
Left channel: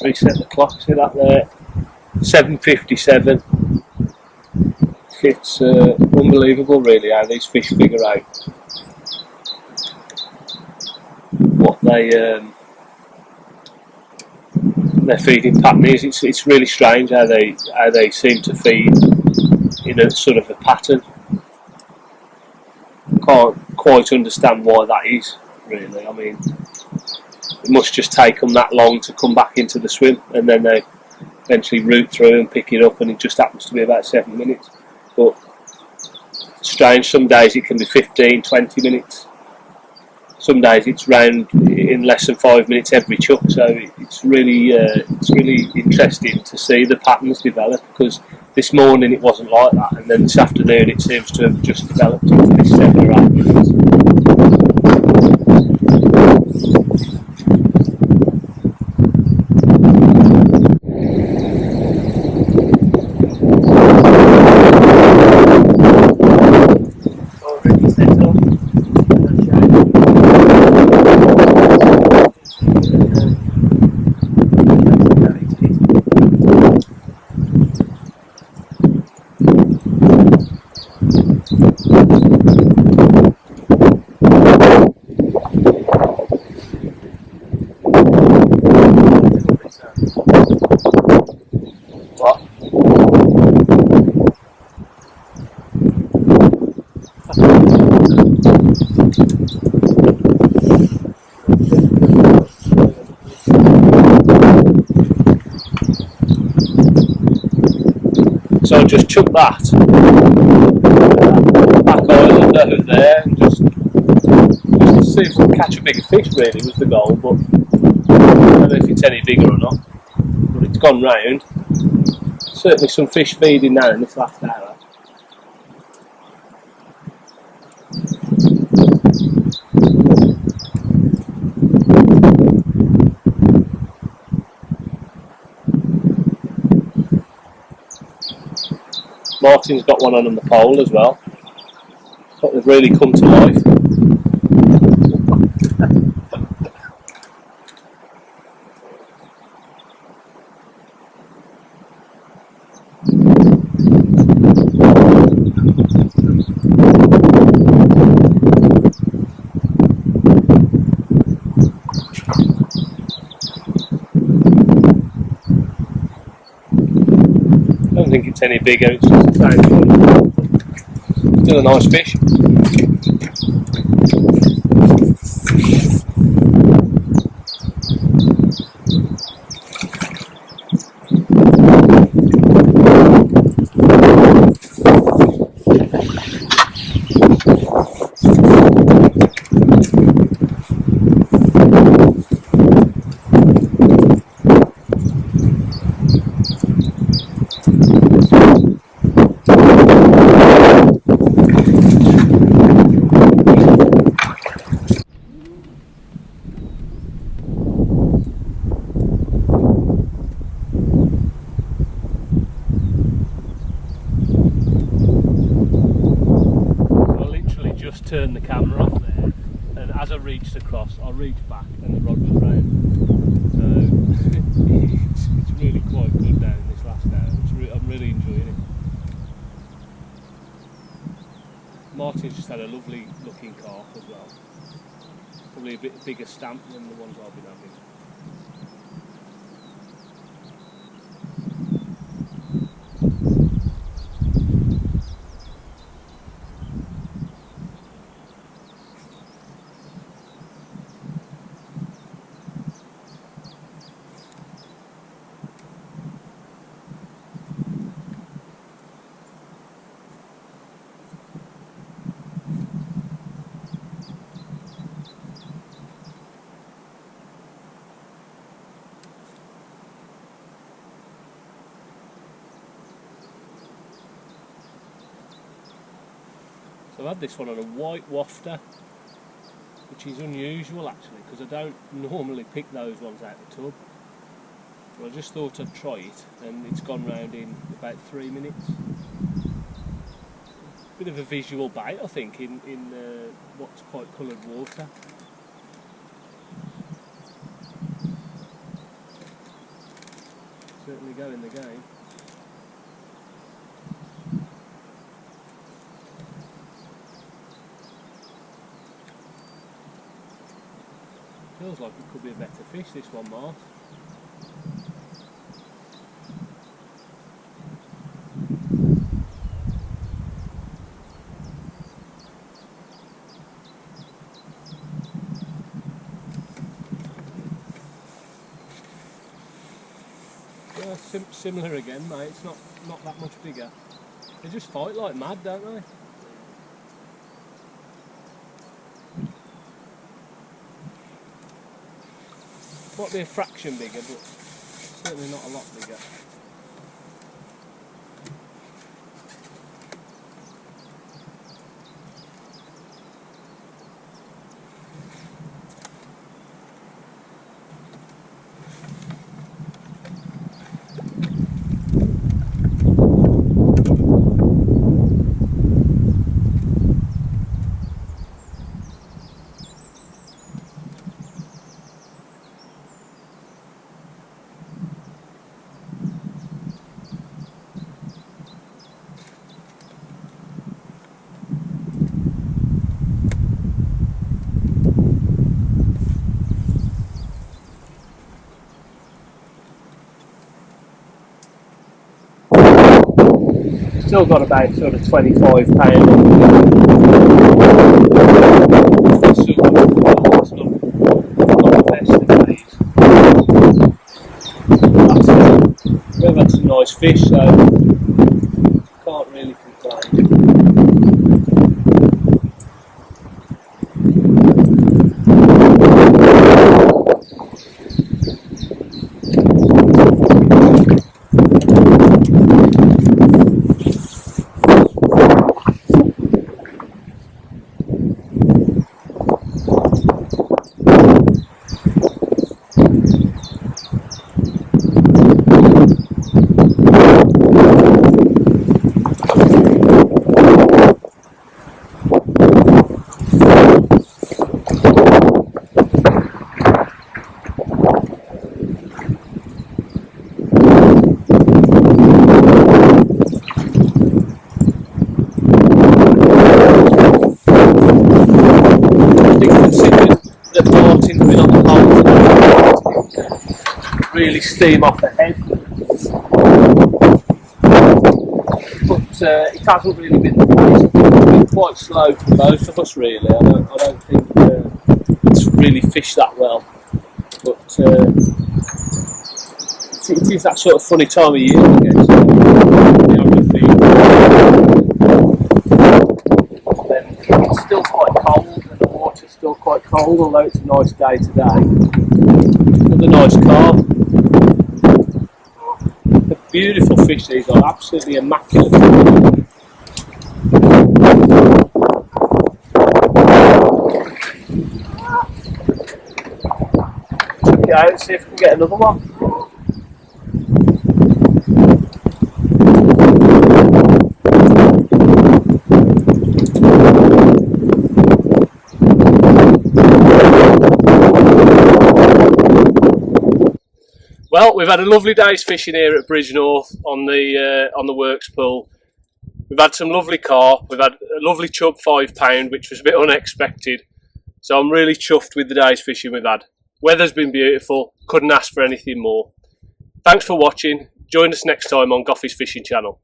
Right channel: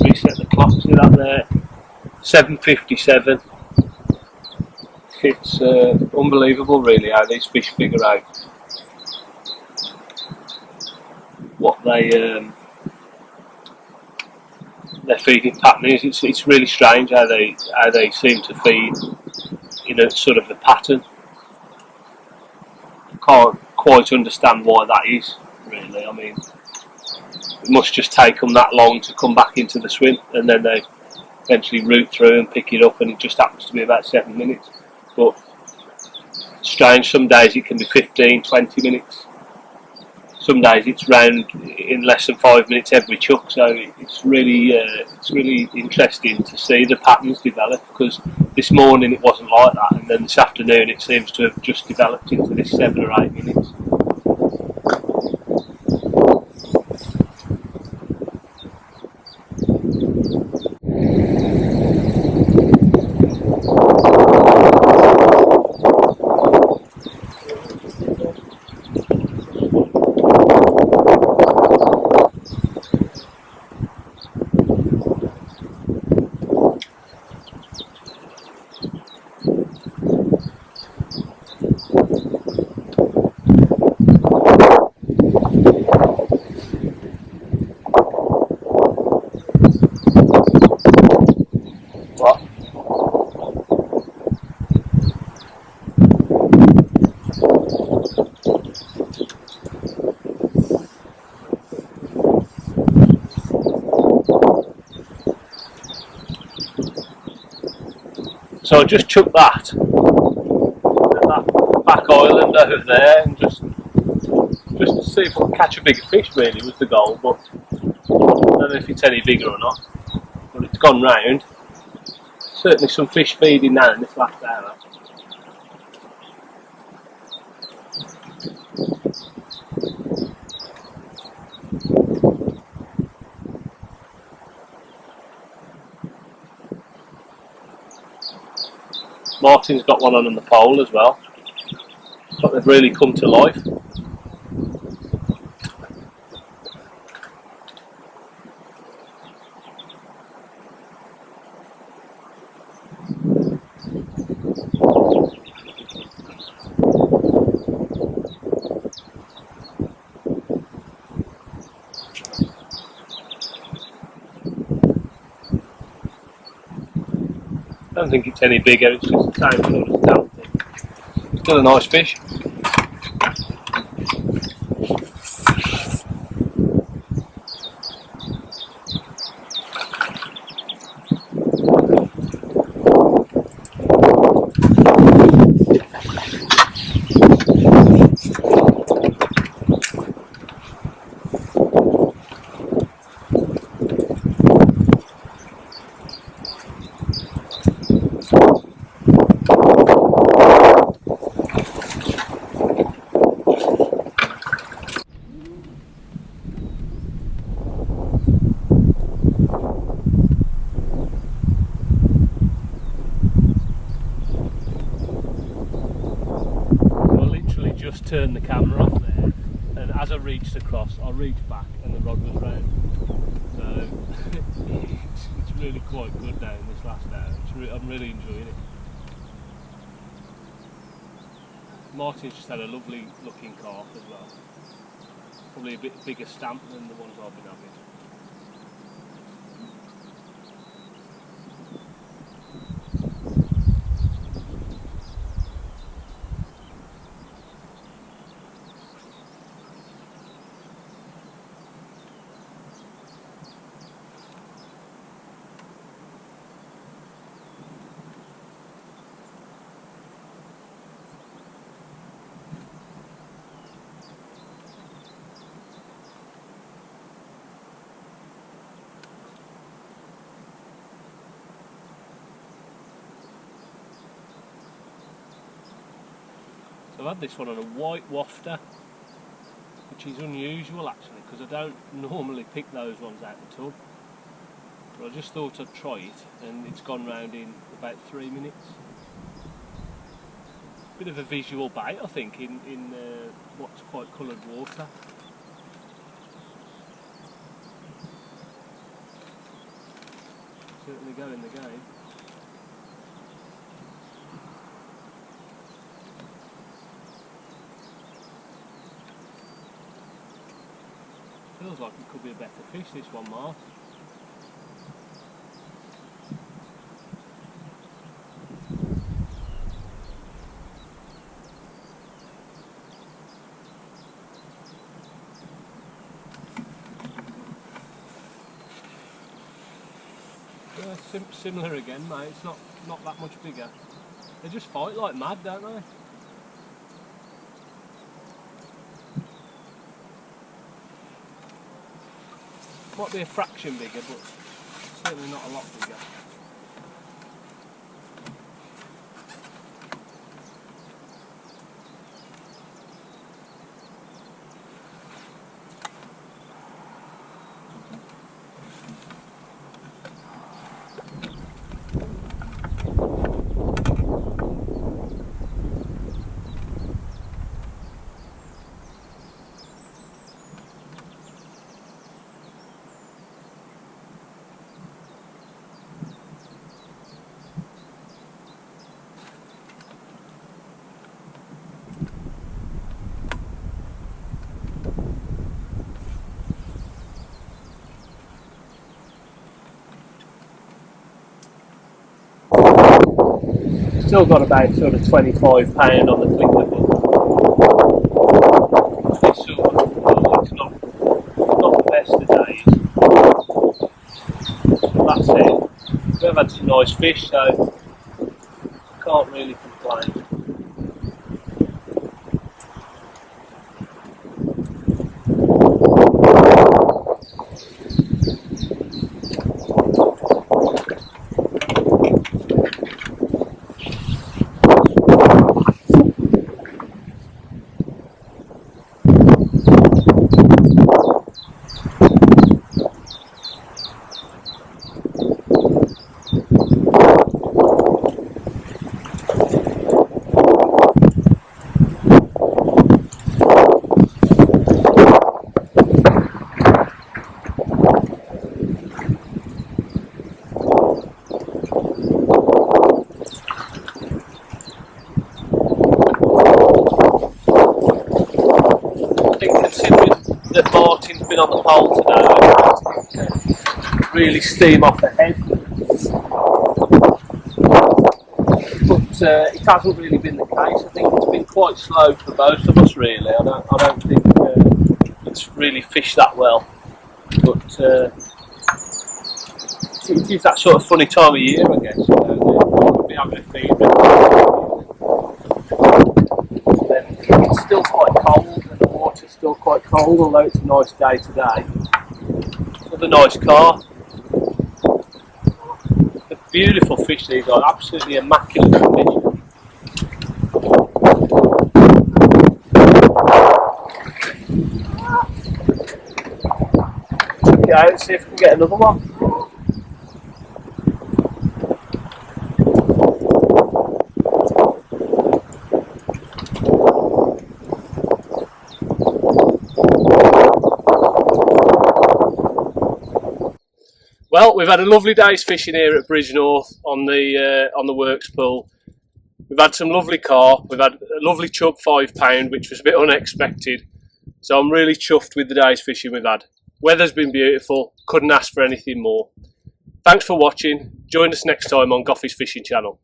Reset the clock, see that there, 7:57. It's unbelievable really how these fish figure out what their feeding pattern is. It's really strange how they seem to feed in a sort of a pattern. Can't quite understand why that is really. I mean, it must just take them that long to come back into the swim, and then they eventually root through and pick it up, and it just happens to be about 7 minutes. But strange, some days it can be 15, 20 minutes. some days it's round in less than 5 minutes every chuck. So it's really interesting to see the patterns develop, because this morning it wasn't like that, and then this afternoon it seems to have just developed into this 7 or 8 minutes. Already set up. What? So I just chucked that back island over there, and just to see if I can catch a bigger fish. Really was the goal, but I don't know if it's any bigger or not. But it's gone round. Certainly some fish feeding now in this last hour. Martin's got one on the pole as well. But they've really come to life. I don't think it's any bigger, it's just the same sort of carp, but still a nice fish. Just turned the camera off there, and as I reached across, I reached back and the rod was round. So it's really quite good now in this last hour. I'm really enjoying it. Martin's just had a lovely looking carp as well. Probably a bit bigger stamp than the ones I've been having. So I've had this one on a white wafter, which is unusual actually, because I don't normally pick those ones out the tub. But I just thought I'd try it, and it's gone round in about 3 minutes. Bit of a visual bait, I think, in what's quite coloured water. Certainly go in the game. Feels like it could be a better fish, this one, Mart. Yeah, similar again, mate. It's not that much bigger. They just fight like mad, don't they? Might be a fraction bigger, but certainly not a lot bigger. Still got about sort of £25 on the pickup. It's sort of, well, it's not the best of days. That said, we've had some nice fish, so can't really complain. Considering that Martin's been on the pole today, really steam off ahead. But it hasn't really been the case. I think it's been quite slow for both of us, really. I don't think it's really fished that well. But it is that sort of funny time of year, I guess. We have to feed. It's still quite cold. It's still quite cold, although it's a nice day today. Another nice carp. The beautiful fish these are, absolutely immaculate fish. Check it out and see if we can get another one. Well, we've had a lovely day's fishing here at Bridgenorth on the works pool. We've had some lovely carp. We've had a lovely chub £5, which was a bit unexpected. So I'm really chuffed with the day's fishing we've had. Weather's been beautiful. Couldn't ask for anything more. Thanks for watching. Join us next time on Goffy's Fishing Channel.